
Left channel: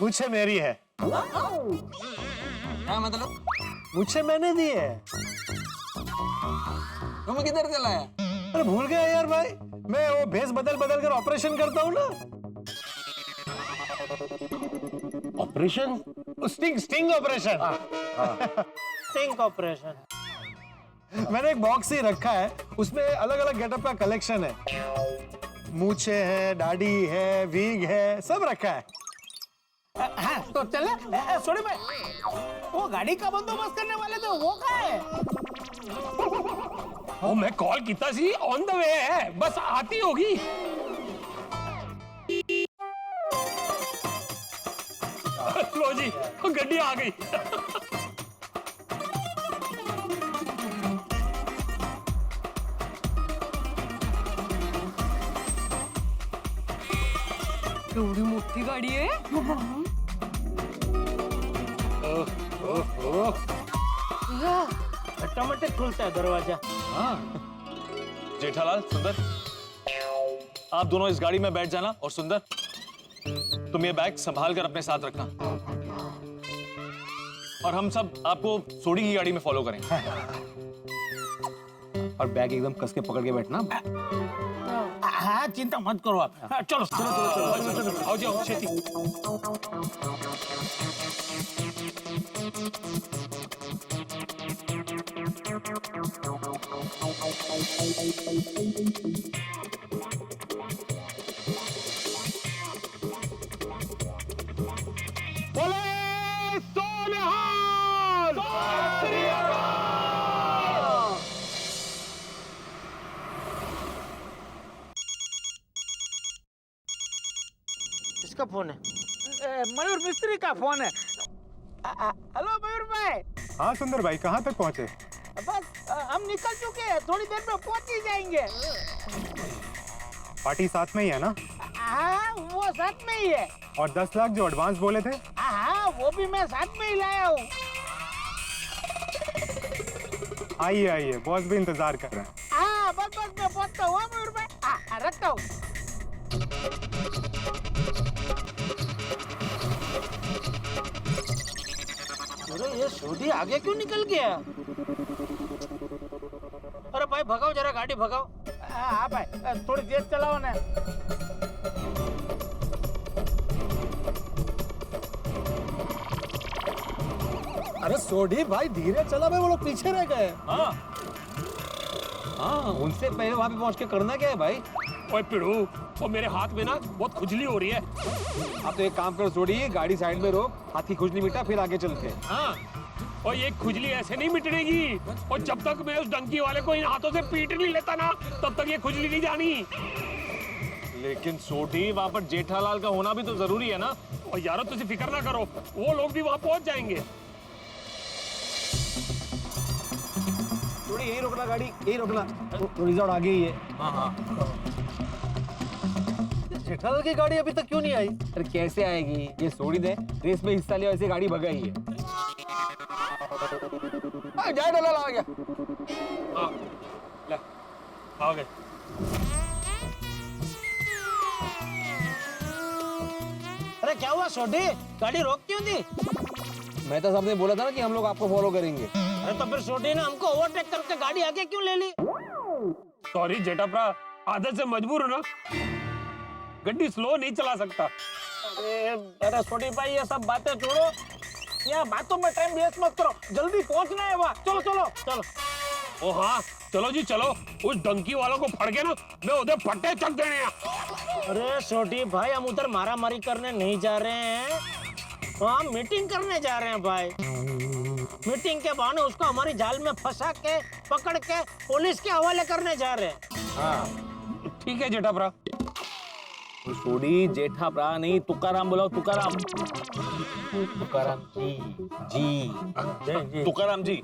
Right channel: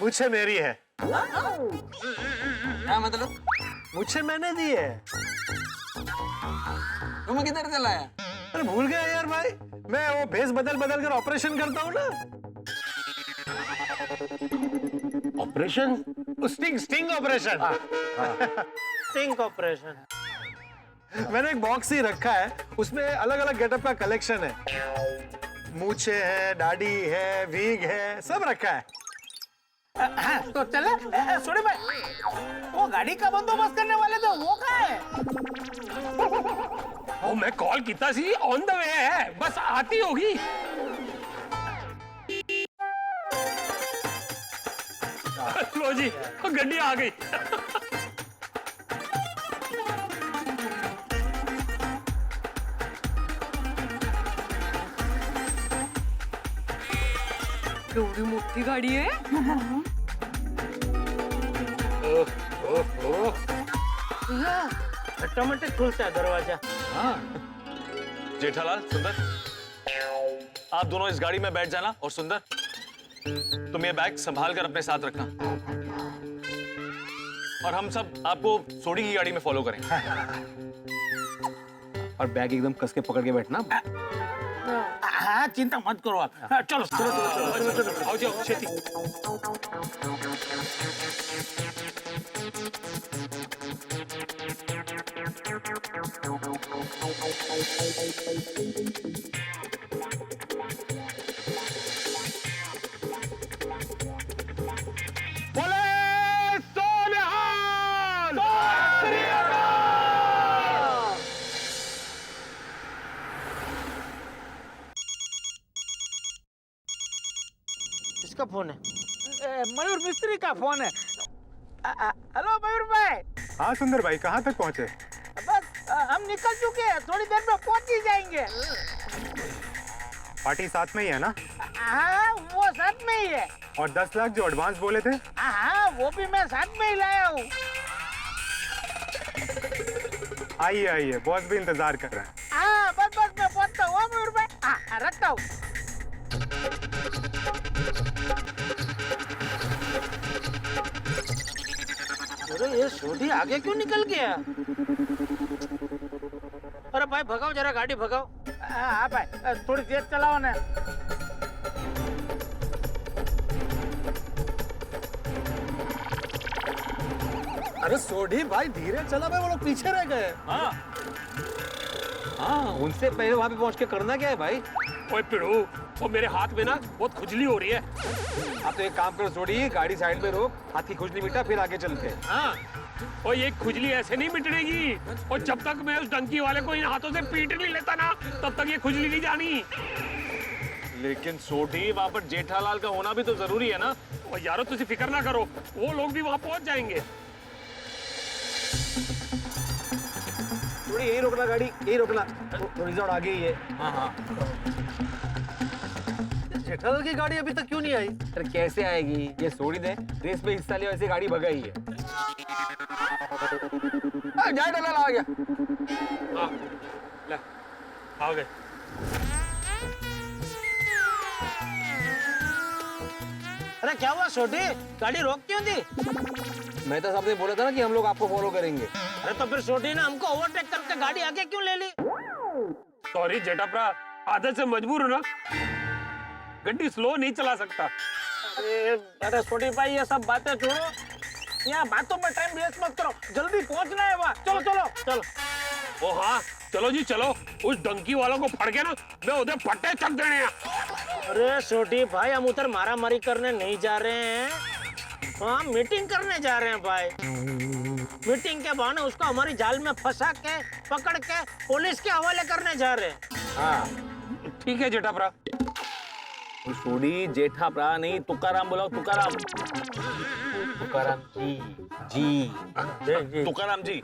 मुझे मेरी है। क्या मतलब? मुझे मैंने दी है। तुम किधर चला है? अरे भूल गया यार भाई, मैं वो भेस बदल कर ऑपरेशन करता हूँ ना। Operation? Sting operation. Sting operation. मैंने एक बॉक्स ही रखा है, उसमें अलग अलग गेटअप का कलेक्शन है। मूछे है, दाढ़ी है, वीग है, सब रखा है। हाँ, तो चले। सोनी भाई, वो गाड़ी का बंदोबस्त करने वाले थे, वो कहाँ है? ओ मैं कॉल किया सी, ऑन द वे है, बस आती होगी। लो जी गड्डी आ गई। केवढी मोठी गाडी आहे। ऑटोमेटिक खुलता है दरवाजा। जेठालाल, सुंदर, आप दोनों इस गाड़ी में बैठ जाना और सुंदर तुम ये बैग संभाल कर अपने साथ रखना और हम सब आपको सोडी की गाड़ी में फॉलो करेंगे। और बैग एकदम कस के पकड़ के बैठना। हाँ चिंता मत करो आप। हाँ, चलो चलो चलो चलो चलो आओ जाओ छेती। किसका फोन है? मयूर मिस्त्री का फोन है। हेलो मयूर भाई। हाँ सुंदर भाई, कहाँ तक पहुँचे? बस हम निकल चुके हैं, थोड़ी देर में पहुंच ही जाएंगे। पार्टी साथ में ही है ना? हाँ वो साथ में ही है। और 10 लाख जो एडवांस बोले थे? हाँ वो भी मैं साथ में ही लाया हूँ। आइए आइए, बॉस भी इंतजार कर रहे हैं। हाँ बस बस मैं पहुंचता हूँ मयूर भाई। हाँ रखता हूँ। अरे ये सोडी आगे क्यों निकल गया? अरे भाई भगाओ जरा, गाड़ी भगाओ। हाँ भाई थोड़ी तेज चलाओ ना। अरे सोडी भाई धीरे चला भाई, वो लोग पीछे रह गए। हाँ उनसे पहले वहां पे पहुंच के करना क्या है भाई? ओए पिड़ू, वो मेरे हाथ में ना बहुत खुजली हो रही है। आप तो एक काम करो सोडी, गाड़ी साइड में रोक, हाथ की खुजली मिटा, फिर आगे चलते हैं। हाँ और ये खुजली ऐसे नहीं मिटनेगी, और जब तक मैं उस डंकी वाले को इन हाथों से पीट नहीं लेता ना, तब तक ये खुजली नहीं जानी। लेकिन सोडी, वहां पर जेठालाल का होना भी तो जरूरी है ना। और यारो तुझे फिक्र ना करो, वो लोग भी वहां पहुंच जाएंगे। सोडी यही रोकना, गाड़ी यही रोकना, रिजॉर्ट आगे ही है। हाँ हाँ जेठालाल की गाड़ी अभी तक क्यों नहीं आई? अरे कैसे आएगी, ये सोडी ने रेस में हिस्सा लिया, वैसे गाड़ी भगाई है। जेठालाल आ गया। हाँ ले आ गए। अरे क्या हुआ सोडी, गाड़ी रोक क्यों दी? मैं तो सबने बोला था ना कि हम लोग आपको फॉलो करेंगे। अरे तो फिर सोडी ने हमको ओवरटेक करके गाड़ी आगे क्यों ले ली? सॉरी जेठाप्रा, आदत से मजबूर हूं ना, गड्डी स्लो नहीं चला सकता। अरे सोडी भाई ये सब बातें छोड़ो, यहाँ बातों में टाइम वेस्ट मत करो, जल्दी पहुंचना है वहाँ। चलो चलो चलो। ओ हाँ चलो जी चलो, उस डंकी वालों को फड़ के ना मैं उधर फट्टे चक देने हैं। अरे छोटी भाई, हम उधर मारा मारी करने नहीं जा रहे हैं, तो हम मीटिंग करने जा रहे हैं भाई। मीटिंग के बहाने उसको हमारी जाल में फंसा के पकड़ के पुलिस के हवाले करने जा रहे हैं। हाँ ठीक है जेठाप्रा। सोडी जेठाप्रा नहीं, तुकाराम बुलाओ, तुकाराम। तुकाराम जी तुकाराम जी।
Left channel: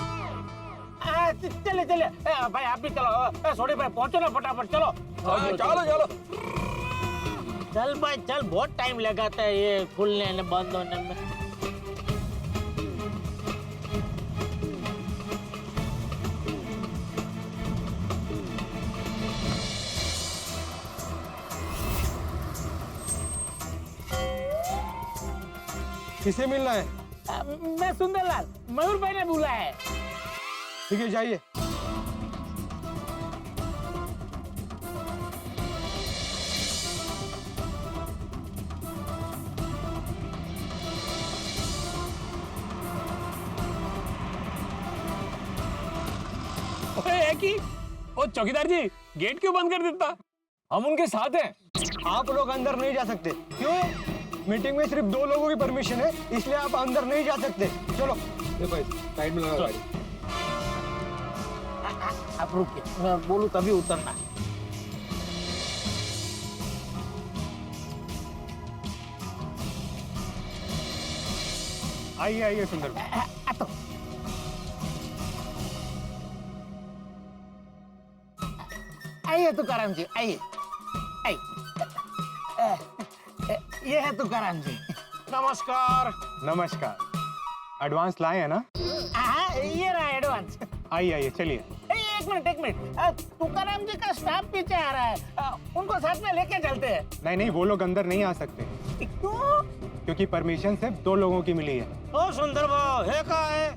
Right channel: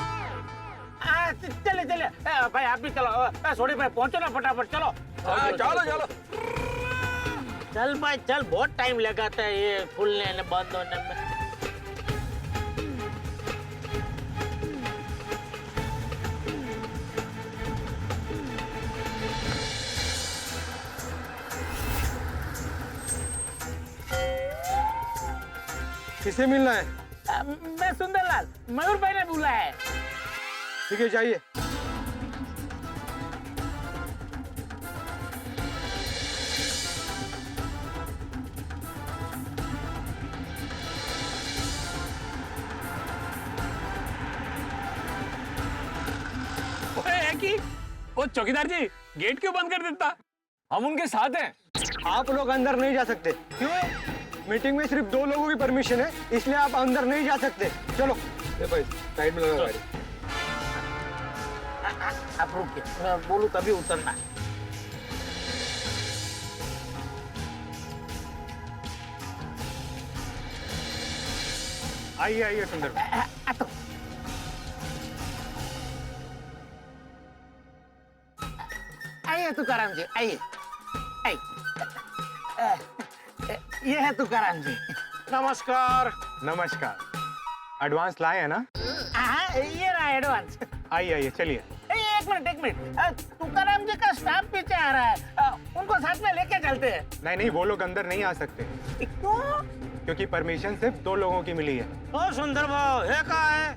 चले चले भाई, आप भी चलो। सोडी भाई पहुंचो ना फटाफट, चलो। चलो चलो चल भाई चल, बहुत टाइम लगाता है ये खुलने ने बंद होने में। किसे मिलना है? मैं सुंदरलाल, मयूर भाई ने बुलाया है। ठीक है जाइए। ओ चौकीदार जी, गेट क्यों बंद कर देता? हम उनके साथ हैं। आप लोग अंदर नहीं जा सकते। क्यों? मीटिंग में सिर्फ 2 लोगों की परमिशन है, इसलिए आप अंदर नहीं जा सकते। चलो भाई साइड में लगा गाड़ी। आप रुकिए, मैं बोलूं तभी उतरना। आइए आइए सुंदर भाई। तो आइए तुकाराम जी, आइए आइए। ये है तुकाराम जी। नमस्कार। नमस्कार। एडवांस लाए हैं ना? हाँ, ये रहा एडवांस। आइए आइए चलिए। एक मिनट। तुकाराम जी का स्टाफ पीछे आ रहा है, उनको साथ में लेके चलते हैं। नहीं नहीं, वो लोग अंदर नहीं आ सकते। क्यों? क्योंकि परमिशन सिर्फ 2 लोगों की मिली है। ओ सुंदर भाव, है कहाँ है?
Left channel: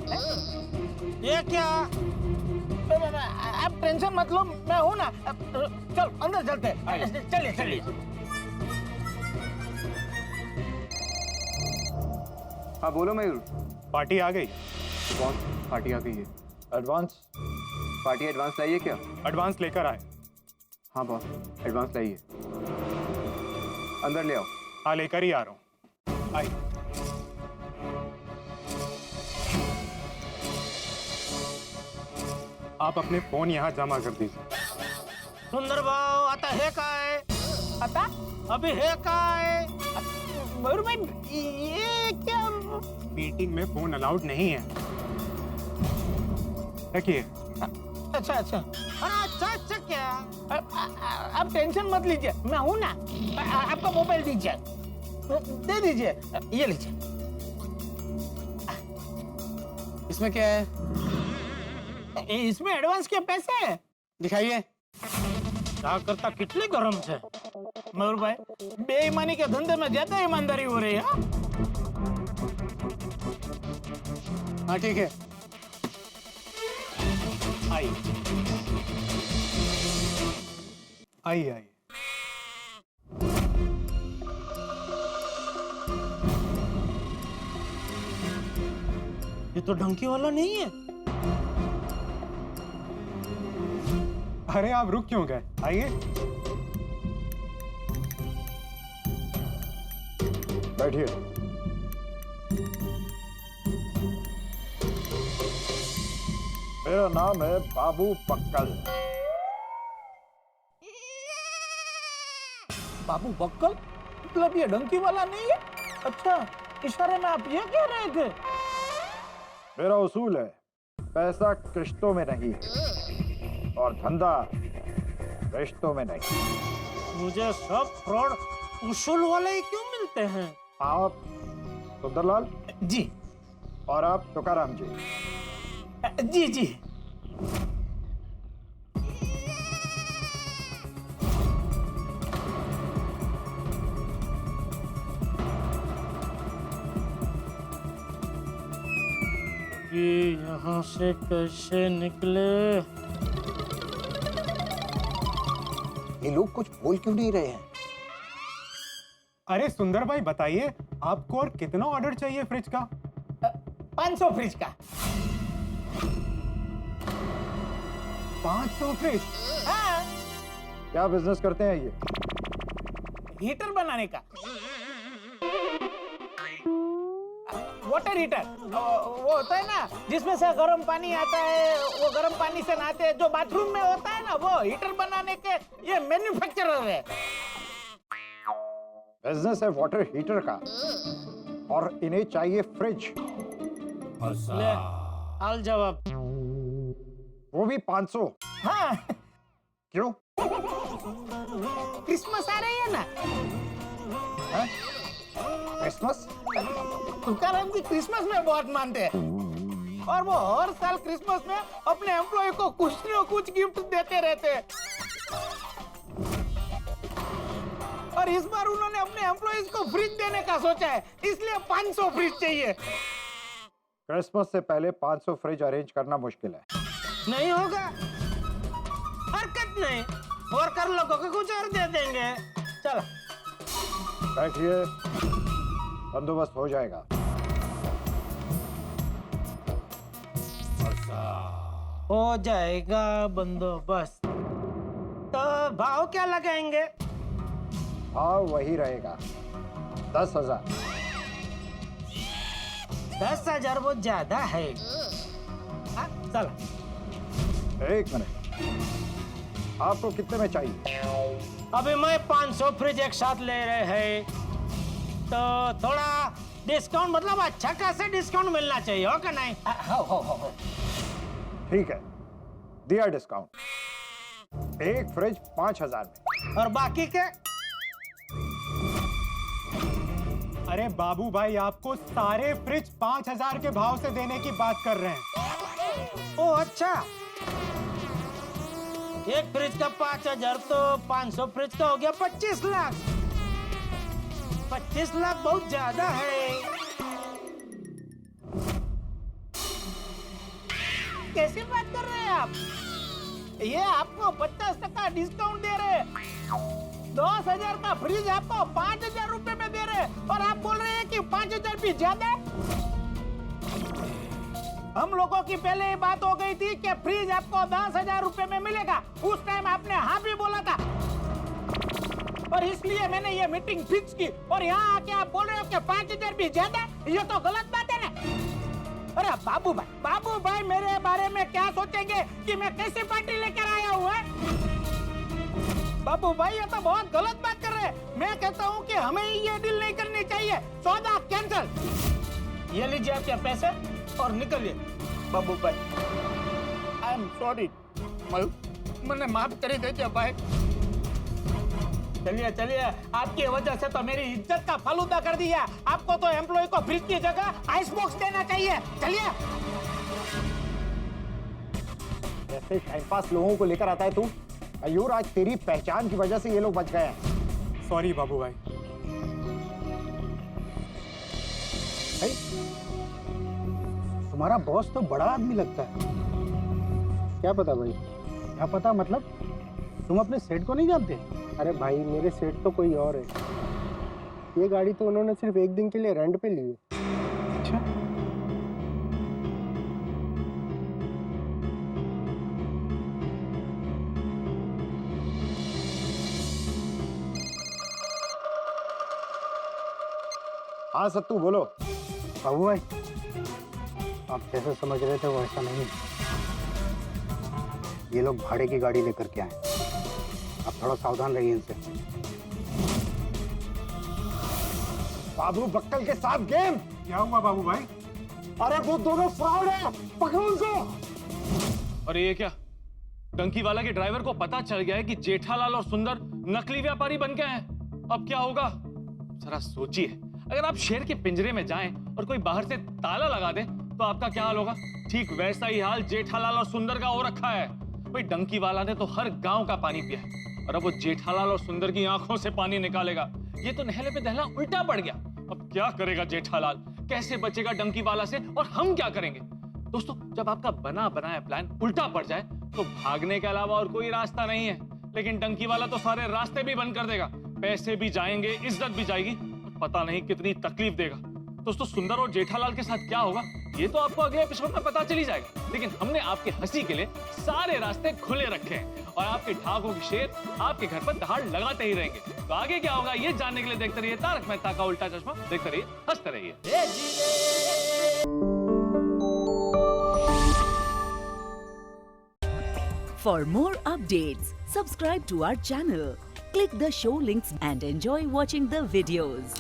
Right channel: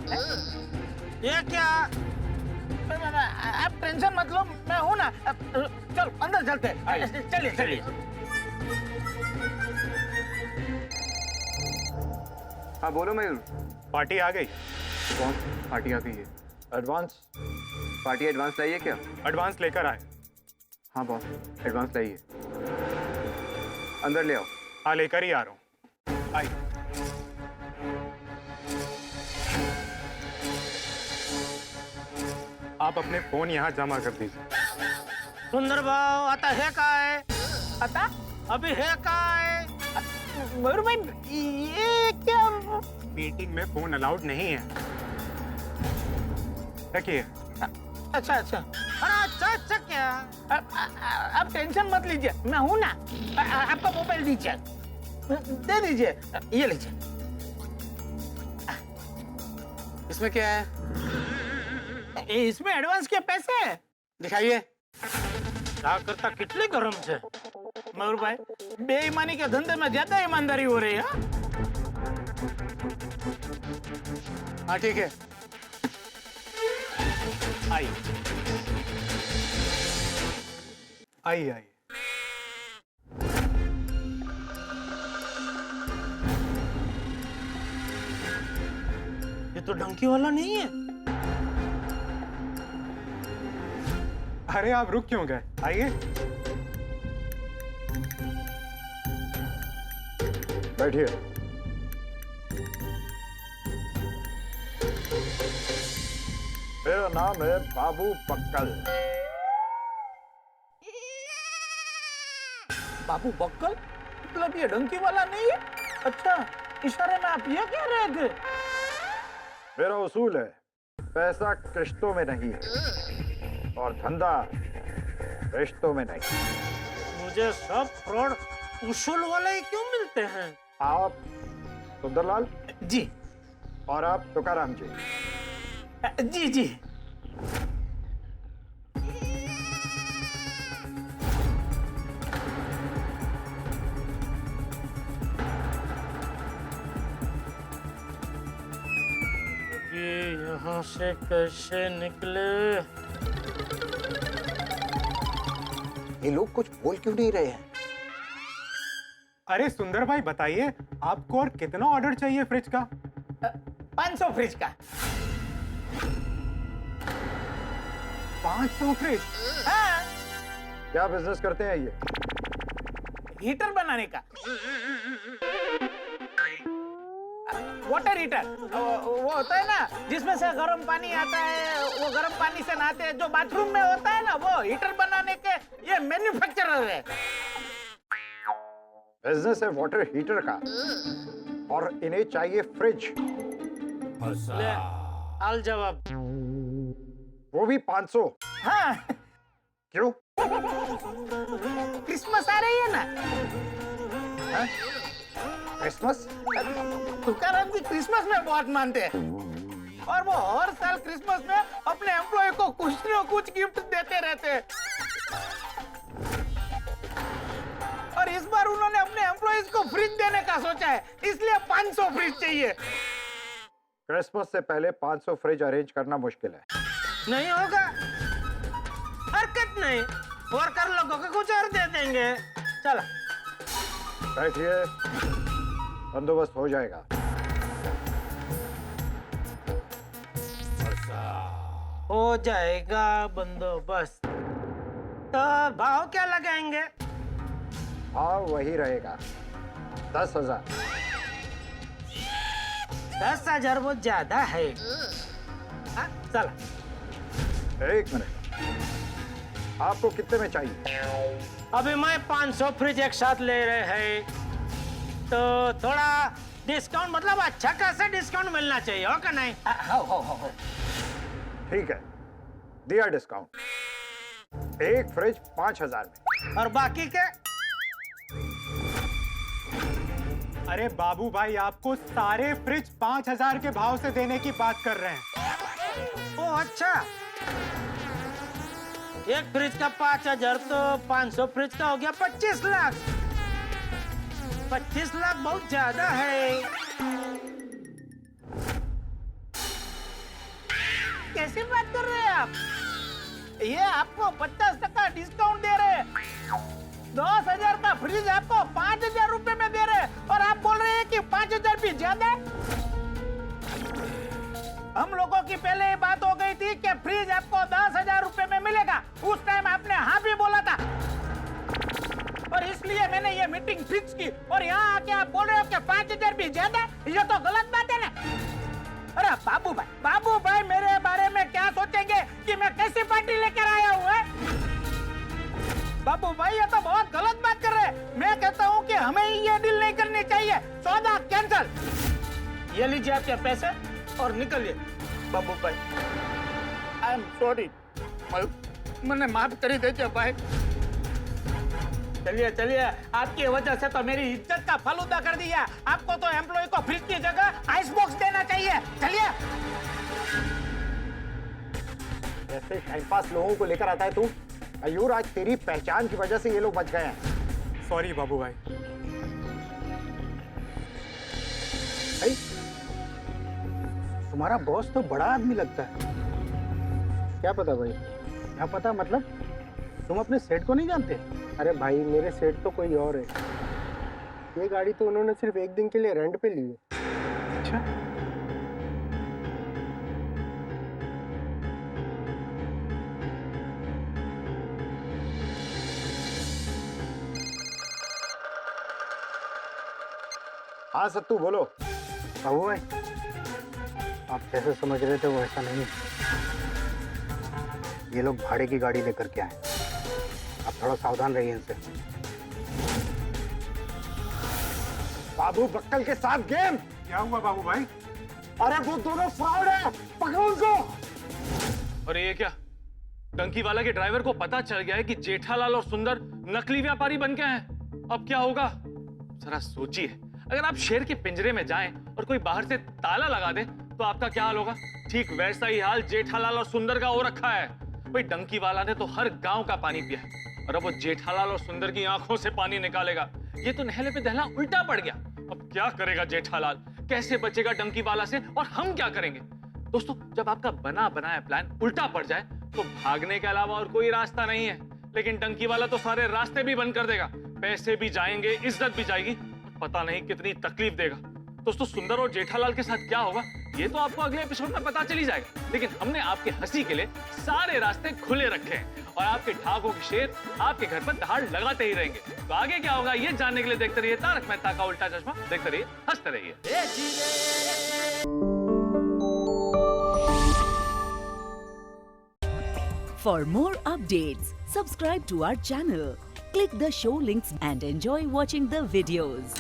ये क्या? आप टेंशन मत लो, मैं हूँ ना। चल अंदर चलते हैं। चलिए। हाँ बोलो मयूर। पार्टी आ गई। कौन पार्टी आ गई है? Advance party. एडवांस लाइए क्या? एडवांस लेकर आए। हाँ बॉस, एडवांस लाइए। अंदर ले आओ। हाँ लेकर ही आ रहा हूँ। आइए। आप अपने फोन यहाँ जमा कर दीजिए। सुंदर भाव, आता है कहाँ है? आता? अभी है कहाँ है? मयूर भाई, ये क्या? मीटिंग में फोन अलाउड नहीं है। देखिए। अच्छा। अच्छा क्या? आप टेंशन मत लीजिए, मैं हूं ना। आपका मोबाइल दीजिए, दे दीजिए, ये लीजिए। इसमें क्या है? इसमें एडवांस के पैसे हैं। दिखाइए। क्या करता कितने गरम से? मयूर भाई, बेईमानी के धंधे में ज्यादा ईमानदारी हो रही है। हाँ ठीक है। आइए आइए आइए। ये तो डंकी वाला नहीं है। अरे आप रुक क्यों गए? आइए। बैठिए। मेरा नाम है बाबू बक्कल। बाबू बक्कल? मतलब ये डंकी वाला नहीं है? अच्छा, इशारे में आप ये कह रहे थे? मेरा उसूल है, पैसा किश्तों में नहीं और धंधा रिश्तों में नहीं। मुझे सब फ्रॉड उसूल वाले ही क्यों मिलते हैं? आप सुंदरलाल जी और आप तुकाराम जी। जी। ये यहाँ से कैसे निकले? ये लोग कुछ बोल क्यों नहीं रहे हैं? अरे सुंदर भाई बताइए, आपको और कितना ऑर्डर चाहिए फ्रिज का? 500 फ्रिज का। 500 फ्रिज? हाँ। क्या बिजनेस करते हैं ये? हीटर बनाने का। वाटर हीटर, वो होता है ना जिसमें से गर्म पानी आता है, वो गर्म पानी से नहाते हैं, जो बाथरूम में होता है ना, वो हीटर बनाने के ये मैन्युफैक्चरर है। बिजनेस है वाटर हीटर का और इन्हें चाहिए फ्रिज। ले, आल जवाब। वो भी 500। हाँ। क्यों? क्रिसमस आ रही है ना? क्रिसमस? तुकाराम जी क्रिसमस में बहुत मानते हैं और वो हर साल क्रिसमस में अपने एम्प्लॉय को कुछ न कुछ गिफ्ट देते रहते हैं। और इस बार उन्होंने अपने एम्प्लॉयज को फ्रिज देने का सोचा है, इसलिए 500 फ्रिज चाहिए। क्रिसमस से पहले 500 फ्रिज अरेंज करना मुश्किल है। नहीं होगा, हरकत नहीं। वर्कर लोगों को कुछ और दे देंगे। चलो बैठिए, बंदोबस्त हो जाएगा। हो जाएगा बंदोबस्त। तो भाव क्या लगाएंगे? भाव वही रहेगा, 10,000। 10,000 बहुत ज्यादा है। चलो। एक मिनट, आपको कितने में चाहिए? अभी मैं 500 फ्रिज एक साथ ले रहे हैं, तो थोड़ा डिस्काउंट मतलब अच्छा खासा डिस्काउंट मिलना चाहिए, हो का नहीं? हो। ठीक है, दिया डिस्काउंट। एक फ्रिज 5,000 में। और बाकी के? अरे बाबू भाई, आपको सारे फ्रिज 5,000 के भाव से देने की बात कर रहे हैं। ओ अच्छा, एक फ्रिज का 5,000 तो 500 फ्रिज का हो गया 25 लाख। 25 लाख बहुत ज्यादा है। कैसी बात कर रहे हैं आप? ये आपको 50% डिस्काउंट दे रहे हैं। 10,000 का फ्रिज आपको 5,000 रुपए में दे रहे हैं और आप बोल रहे हैं कि 5,000 भी ज्यादा है। हम लोगों की पहले ही बात हो गई थी कि फ्रिज आपको 10,000 रुपए में मिलेगा। उस टाइम आपने हाँ भी बोला था और इसलिए मैंने ये मीटिंग फिक्स की। और यहाँ आके आप बोल रहे हो कि 5,000 भी ज्यादा है, ये तो गलत बात है ना। अरे बाबू भाई मेरे बारे में क्या सोचेंगे कि मैं कैसी पार्टी लेकर आया हूँ? बाबू भाई ये तो बहुत गलत बात कर रहे हैं। मैं कहता हूँ कि हमें ये डील नहीं करनी चाहिए। सौदा कैंसल। ये लीजिए आपके पैसे और निकलिए। बाबू भाई आई एम सॉरी, मैंने माफ कर दीजिए भाई। चलिए, आपकी वजह से तो मेरी इज्जत का फालूदा कर दिया। आपको तो एम्प्लॉय को फ्रिज की जगह आइस बॉक्स देना चाहिए। चलिए। ऐसे टाइम पास लोगों को लेकर आता है तू। मयूर, आज तेरी पहचान की वजह से ये लोग बच गए हैं। सॉरी बाबू भाई। तुम्हारा बॉस तो बड़ा आदमी लगता है। क्या पता भाई? क्या पता मतलब? तुम अपने सेठ को नहीं जानते? अरे भाई, मेरे सेठ तो कोई और है। ये गाड़ी तो उन्होंने सिर्फ एक दिन के लिए रेंट पे ली है। अच्छा। हाँ सत्तू बोलो। बाबू भाई, आप जैसे समझ रहे थे वो ऐसा नहीं है। ये लोग भाड़े की गाड़ी लेकर के आए। आप थोड़ा सावधान रहिए इनसे। बाबू बक्कल के साथ गेम। क्या हुआ बाबू भाई? अरे वो दोनों फ्रॉड है, पकड़ो उनको। और ये क्या? टंकी वाला के ड्राइवर को पता चल गया है कि जेठालाल और सुंदर नकली व्यापारी बन गए हैं। अब क्या होगा? जरा सोचिए, अगर आप शेर के पिंजरे में जाएं और कोई बाहर से ताला लगा दे तो आपका क्या हाल होगा? ठीक वैसा ही हाल जेठालाल और सुंदर का हो रखा है। भाई डंकी वाला ने तो हर गांव का पानी पिया है और अब वो जेठालाल और सुंदर की आंखों से पानी निकालेगा। ये तो नहले पे दहला उल्टा पड़ गया। अब क्या करेगा जेठालाल? कैसे बचेगा डंकी वाला से? और हम क्या करेंगे? दोस्तों, जब आपका बना बनाया प्लान उल्टा पड़ जाए तो भागने के अलावा और कोई रास्ता नहीं है। लेकिन डंकी वाला तो सारे रास्ते भी बंद कर देगा, पैसे भी जाएंगे, इज्जत भी जाएगी, पता नहीं कितनी तकलीफ देगा। दोस्तों, सुंदर और जेठालाल के साथ क्या होगा ये तो आपको अगले एपिसोड में पता चली जाएगा। लेकिन हमने आपके हंसी के लिए सारे रास्ते खुले रखे हैं और आपके ढाकों के शेर आपके घर पर दहाड़ लगाते ही रहेंगे। तो आगे क्या होगा ये जानने के लिए देखते रहिए तारक मेहता का उल्टा चश्मा। देखते रहिए, हंसते रहिए। For more updates, subscribe to our channel, click the show links and enjoy watching the videos.